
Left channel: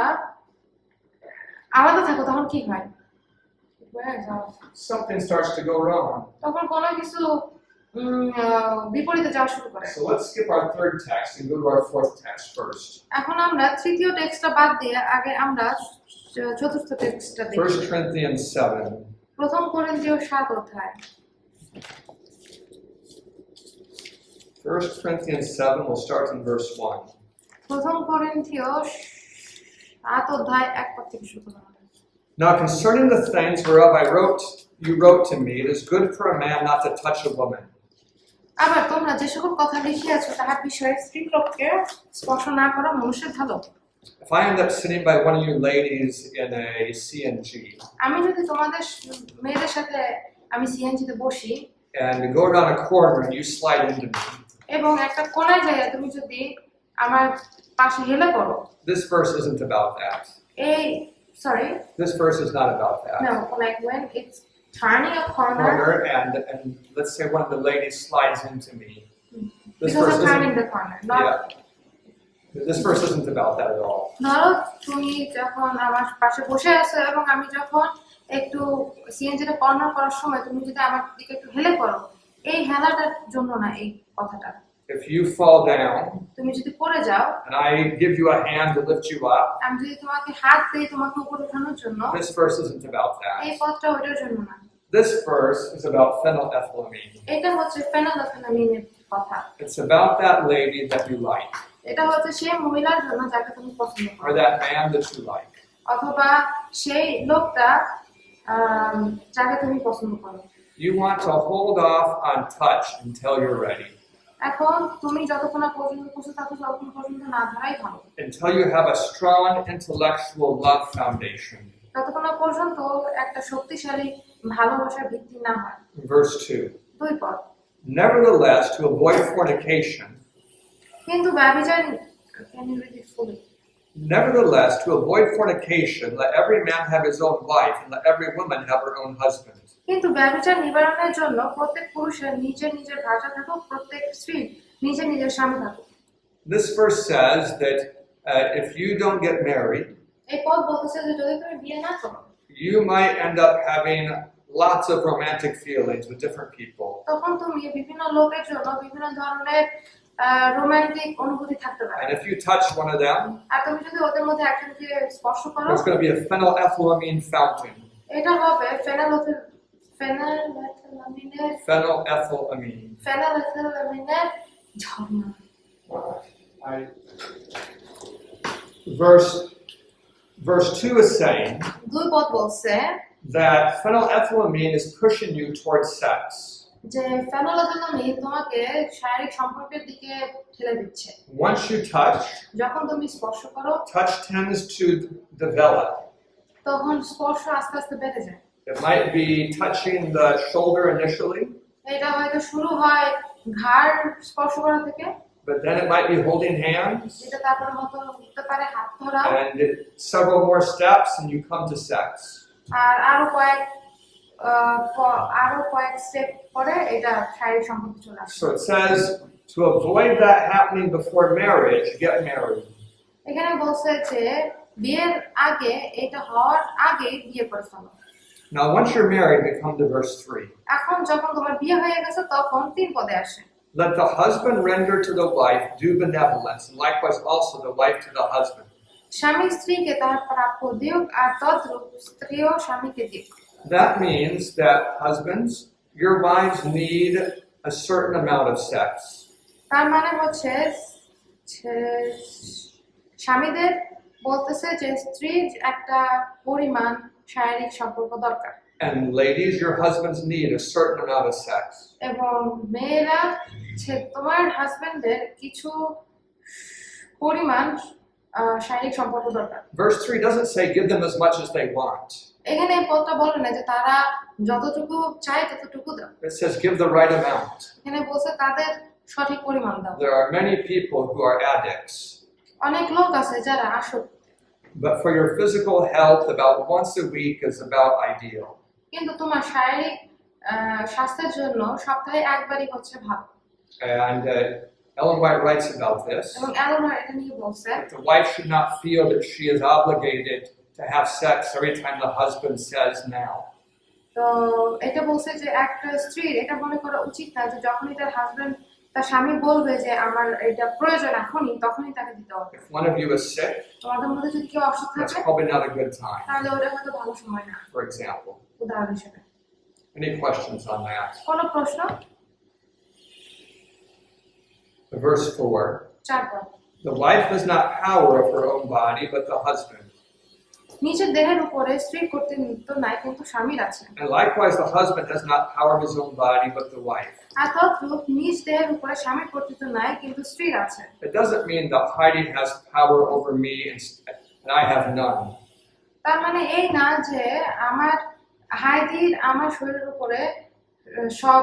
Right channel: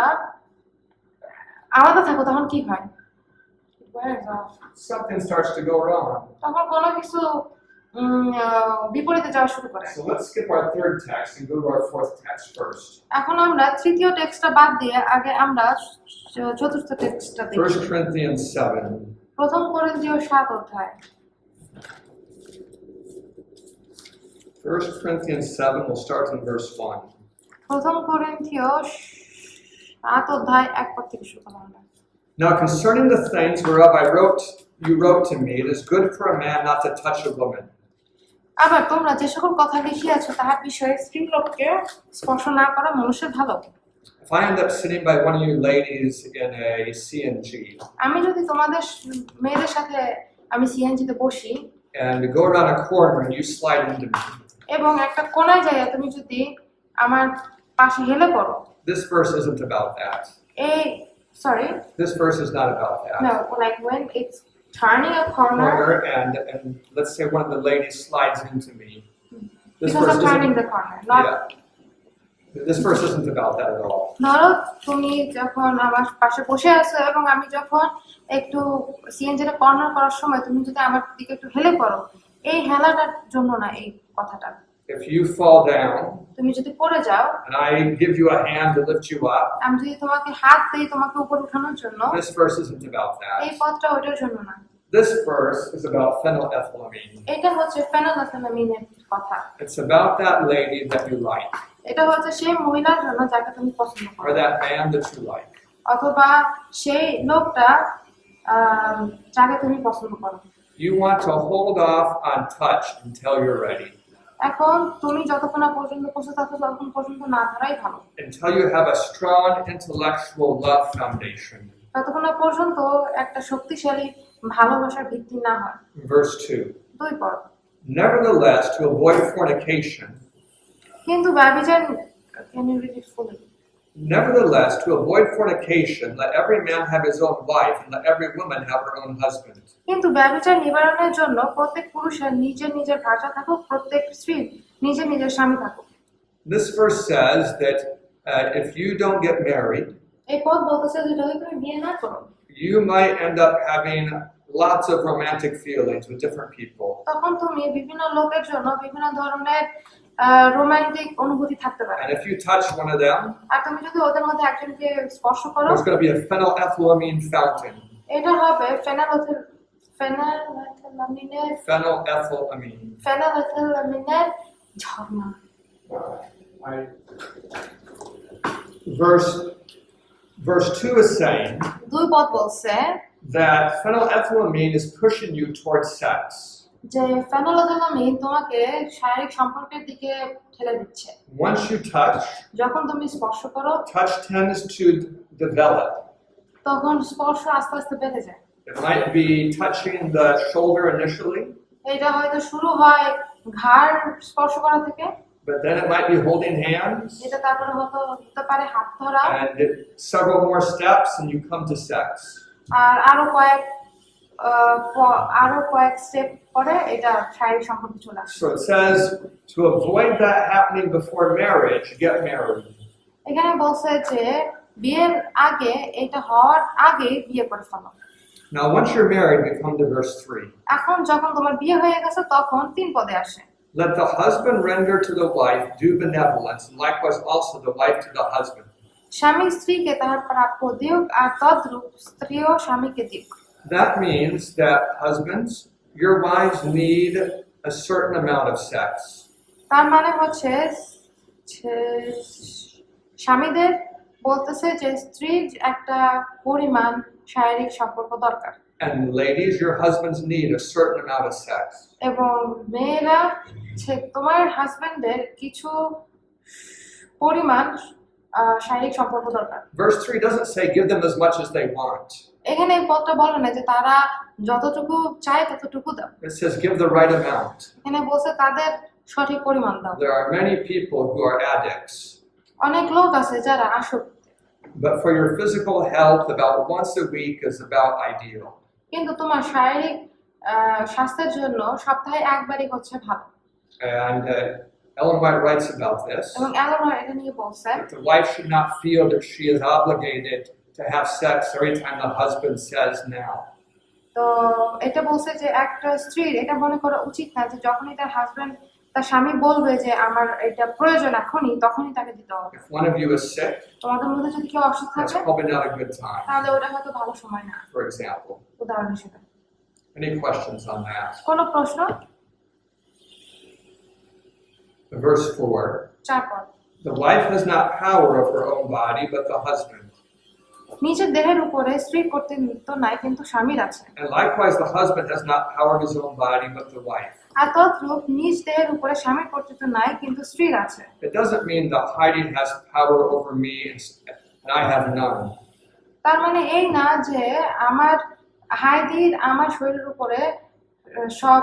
আলাদা থাকো তখন কি হয়? Something starts to go wrong. তখন কোনো কিছু বিপরীতে যাওয়া শুরু করে। So let's skip our third text and go to our fourth text first. এখন আমরা তৃতীয় টেক্সটটা বাদ দিয়ে আগে আমরা চতুর্থ টেক্সটটা দেখি। 1 Corinthians 7. প্রথম করিন্থীয় 7 অধ্যায়। 1 Corinthians 7, we'll start in verse 1. প্রথম করিন্থীয় 7 অধ্যায় 1 পদ থেকে শুরু করলাম। Now concerning the things whereof you wrote to me, it is good for a man not to touch a woman. আবার তোমরা যে সকল কথা লিখিয়াছো তাহার বিষয়ে স্ত্রী লোককে স্পর্শ না করা মনুষ্যের ভালো। If I end up sitting by one of you ladies in a CNG আমি যদি তোমাদের মেয়েদের সাথে আমি সিএনজিতে বসি and go around a corner and you slide into me, এবং একটা কোণায় যাইয়া তুমি যদি আমার পাশে হেলে পড়ো, this verse isn't about that. এই sorry This verse is not about that. no, like when it's turning a corner And let's say one of the ladies slides into me. This because verse I'm turning isn't. the corner, not Yeah. This verse isn't about that at all. ধরো তুমি যখন আমার পাশে বসে আছো এবং আমি যখন একটু সিএনজিটা কর্নার করার সময় তুমি যদি আমার দিকে একটু হেলে পড়ো, এই হেলাটার জন্য না এই কথাটা। If you fall down তুমি যদি পড়ে যাও and I give you a hand to lift you up, আমি যদি তোমাকে হাত দিই তোমাকে উপরে ওঠানোর জন্য, this verse isn't about এই that. পথটা ওইটার জন্য না। This verse is about phenylethylamine. এটা হচ্ছে ফেনাইলেথিলামিনের কথা। It's about that lady that you like, এটা হচ্ছে সেই মহিলার জন্য যাকে তুমি পছন্দ করো, or that man that you like. অথবা সেই লোকটা যাকে তুমি পছন্দ করো। You want to hold off on touch until you're ready, এখন তুমি যতক্ষণ না পর্যন্ত বসে থাকো ততক্ষণ পর্যন্ত না ধরাই ভালো, until you have a strong intellectual love foundation. ততক্ষণ না পর্যন্ত একটা শক্তিশালী ভালোবাসার ভিত্তি না হয়। Verse 2. 2 পদ। Nevertheless, to avoid fornication, কিন্তু ব্যভিচার, can you read it fully? Nevertheless, to avoid fornication, let every man have his own wife, and let every woman have her own husband. কিন্তু ব্যভিচার নিবারণের জন্য প্রত্যেক পুরুষের নিজের নিজের ভাষা থাকুক, প্রত্যেক স্ত্রী নিজের নিজের স্বামী থাকুক। This verse says that if you don't get married, এই পদ বলতেছে যে যদি তুমি বিয়ে না করো, you might end up having lots of romantic feelings with different people. তখন তুমি বিভিন্ন লোকের জন্য বিভিন্ন ধরনের রোমান্টিক অনুভূতি থাকতে পারে। And if you touch one of them, আর তুমি যদি ওদের মধ্যে একজনকে স্পর্শ করো, there's going to be a phenylethylamine fountain. এটা হবে ফেনাইলেথিলামিনের ঝর্ণা। Verse 2 is saying 2 পদ বলছে that phenylethylamine is pushing you towards sex. যে ফেনাইলেথিলামিন তোমাকে শারীরিক সম্পর্কের দিকে ঠেলে দিচ্ছে। Once you touch, যখন তুমি স্পর্শ করো, touch tends to develop. তখন স্পর্শ আস্তে আস্তে বেড়ে যায়। It might be touching the shoulder initially, এটা হয়তো শুরু হয় ঘাড় স্পর্শ করা থেকে, but then it might be holding hands, এটা তারপরে হতে পারে হাত ধরা, and several more steps, and you come to sex. আর আরো কয়েক স্টেপ পরে এটা শারীরিক সম্পর্কে চলে আসে। So it says to avoid that happening before marriage, get married. এখানে বলছে যে বিয়ের আগে, এটা হওয়ার আগে বিয়ে করে ফেলো। Now, once you're married, we come to verse 3. এখন যখন তোমার বিয়ে হয়ে গেছে তখন 3 পদে আসে। Let the husband render to the wife due benevolence, and likewise also the wife to the husband. স্বামী স্ত্রীকে তাহার প্রাপ্য দিউক, আর তদ্রূপ স্ত্রীও স্বামীকে দিক। That means that husbands, your wives need a certain amount of sex. তার মানে হচ্ছে স্বামীদের বলতেছে যে স্ত্রীর একটা পরিমাণ শারীরিক সম্পর্ক দরকার। And ladies, your husbands need a certain amount of sex. এবং মেয়েরা তোমার হাজবেন্ডের কিছু পরিমাণ শারীরিক সম্পর্ক দরকার। Verse 3 doesn't say give them as much as they want. এখানে এই পদটা বলে না যে তারা যতটুকু চায় ততটুকু দাও, It says give the right amount. এখানে বলছে তাদের সঠিক পরিমাণ দাও। There are many people who are addicts, অনেক লোক আছে যারা আসক্ত, but for your physical health, about once a week is about ideal. কিন্তু তোমার শারীরিক স্বাস্থ্যের জন্য সপ্তাহে একবারই হচ্ছে ভালো। And Ellen White writes about this. এবং অ্যালোনার এটা নিয়ে বলছে That the wife should not feel that she is obligated to have sex every time the husband says now. তো এটা বলছে যে একটা স্ত্রীর এটা মনে করা উচিত না যে যখনই তার স্বামী বলবে যে আমার এটা প্রয়োজন এখনই, তখনই তাকে দিতে হবে। If one of you is sick, তোমাদের মধ্যে যদি কেউ অসুস্থ that's থাকে probably not a good time, তাহলে ওটা হয়তো ভালো সময় না, for example. উদাহরণ হিসেবে। Any questions on that? কোনো প্রশ্ন? Verse 4. 4 পদ। The wife has not power of her own body, but the husband. নিজের দেহের উপরে স্ত্রীর কর্তৃত্ব নাই, কিন্তু স্বামীর আছে। And likewise, the husband has not power of his own body, but the wife. আর তদ্রূপ নিজ দেহের উপরে স্বামীর কর্তৃত্ব নাই, কিন্তু স্ত্রীর আছে। It doesn't mean that Heidi has power over me and I have none. তার মানে এই না যে হাইদির আমার শরীরের উপরে সব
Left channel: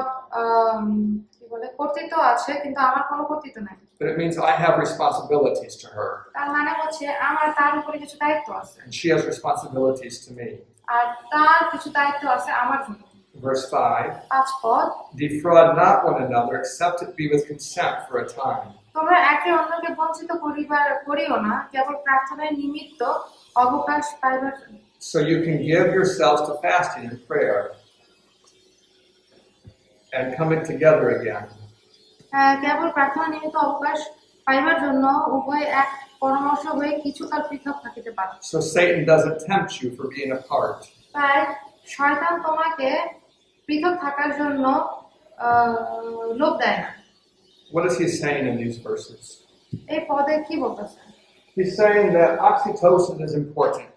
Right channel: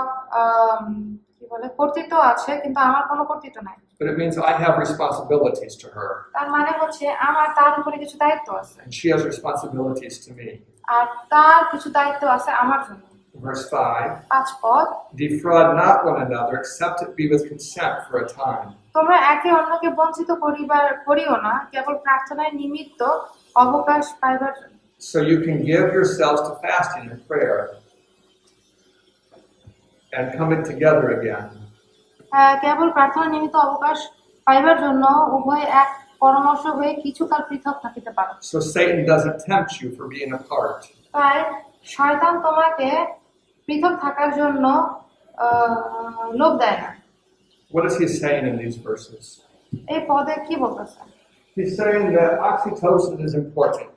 কি বলে কর্তৃত্ব আছে, কিন্তু আমার কোনো কর্তৃত্ব নাই। But it means I have responsibilities to her, তার মানে হচ্ছে আমার তার উপরে কিছু দায়িত্ব আছে, and she has responsibilities to me. আর তার কিছু দায়িত্ব আছে আমার জন্য। Verse 5. 5 পদ। Defraud not one another, except it be with consent for a time. তোমরা একে অন্যকে বঞ্চিত করিও না, কেবল প্রার্থনায় নিমিত্ত অবকাশ পাইবার জন্য। So you can give yourselves to fasting and prayer and coming together again. কেবল প্রার্থনা নিমিত্ত অবকাশ পাইবার জন্য উভয় এক পরামর্শ হয়ে কিছু কাল পৃথক থাকিতে পারে। So Satan doesn't tempt you for being apart. তাই শয়তান তোমাকে পৃথক থাকার জন্য লোভ দেয় না। What is he saying in these verses? এই পদে কি বলতেছে? He's saying that oxytocin is important.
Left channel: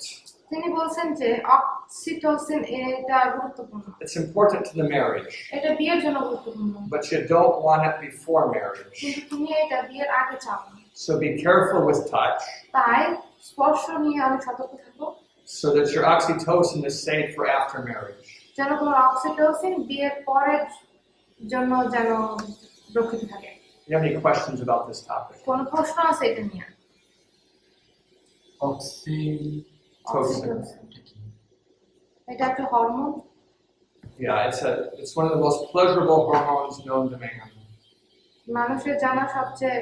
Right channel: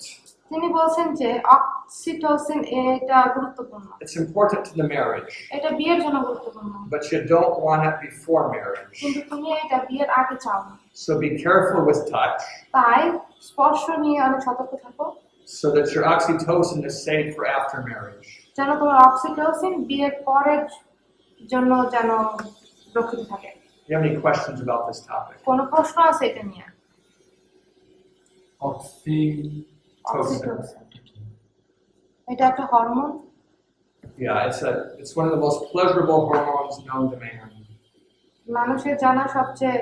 তিনি বলছেন যে অক্সিটোসিন এটা গুরুত্বপূর্ণ। It's important to the marriage, এটা বিয়ের জন্য গুরুত্বপূর্ণ, but you don't want it before marriage. কিন্তু তুমি এটা বিয়ের আগে চাও না। So be careful with touch তাই স্পর্শ নিয়ে অনেক সতর্ক থাকো, so that your oxytocin is safe for after marriage. যেন তোমার অক্সিটোসিন বিয়ের পরের জন্য যেন রক্ষিত থাকে। Do you have any questions about this topic? কোনো প্রশ্ন আছে এটা নিয়ে? Oxytocin. এটা একটা hormone. Yeah, it's one of the most pleasurable hormones known to man. মানুষের জানা সবচেয়ে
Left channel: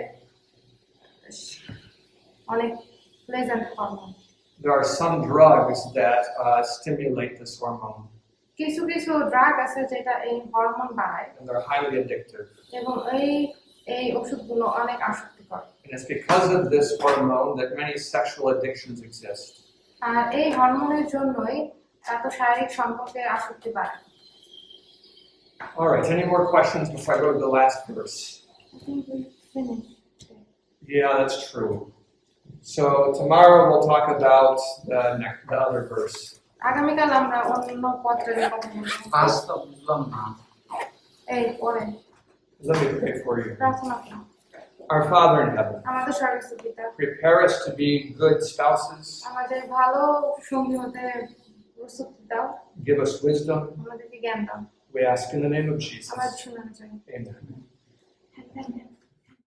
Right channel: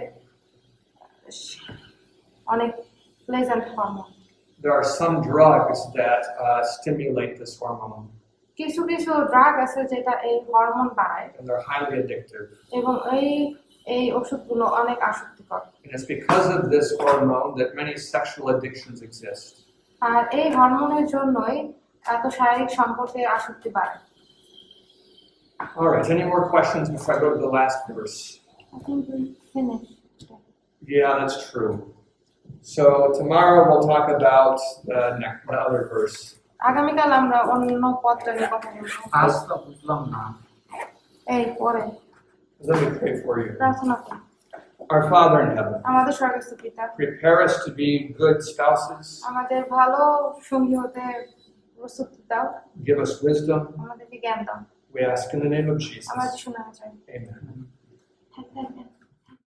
অনেক pleasant hormone. There are some drugs that stimulate this hormone, কিছু কিছু ড্রাগ আছে যেটা এই হরমোন বাড়ায়, and they're highly addictive. এবং এই ওষুধগুলো অনেক আসক্তিকর। And it's because of this hormone that many sexual addictions exist. আর এই হরমোনের জন্যই এত শারীরিক সম্পর্কে আসক্তি বাড়ে। All right, any more questions before I go to the last verse? I think we finished. Yeah, that's true. So tomorrow we'll talk about the other verse. আগামীকাল আমরা অন্য পত্রের কথা বলবো। পাঁচটা বুঝলাম না। এই পরে Let me pray for you. প্রার্থনা করি। Our Father in heaven, আমাদের স্বর্গস্থ পিতা, prepare us to be good spouses. আমাদের ভালো সঙ্গী হতে প্রস্তুতি দাও, Give us wisdom. আমাদেরকে জ্ঞান দাও। We ask in the name of Jesus. আমরা শোনা চাই। Amen. Amen.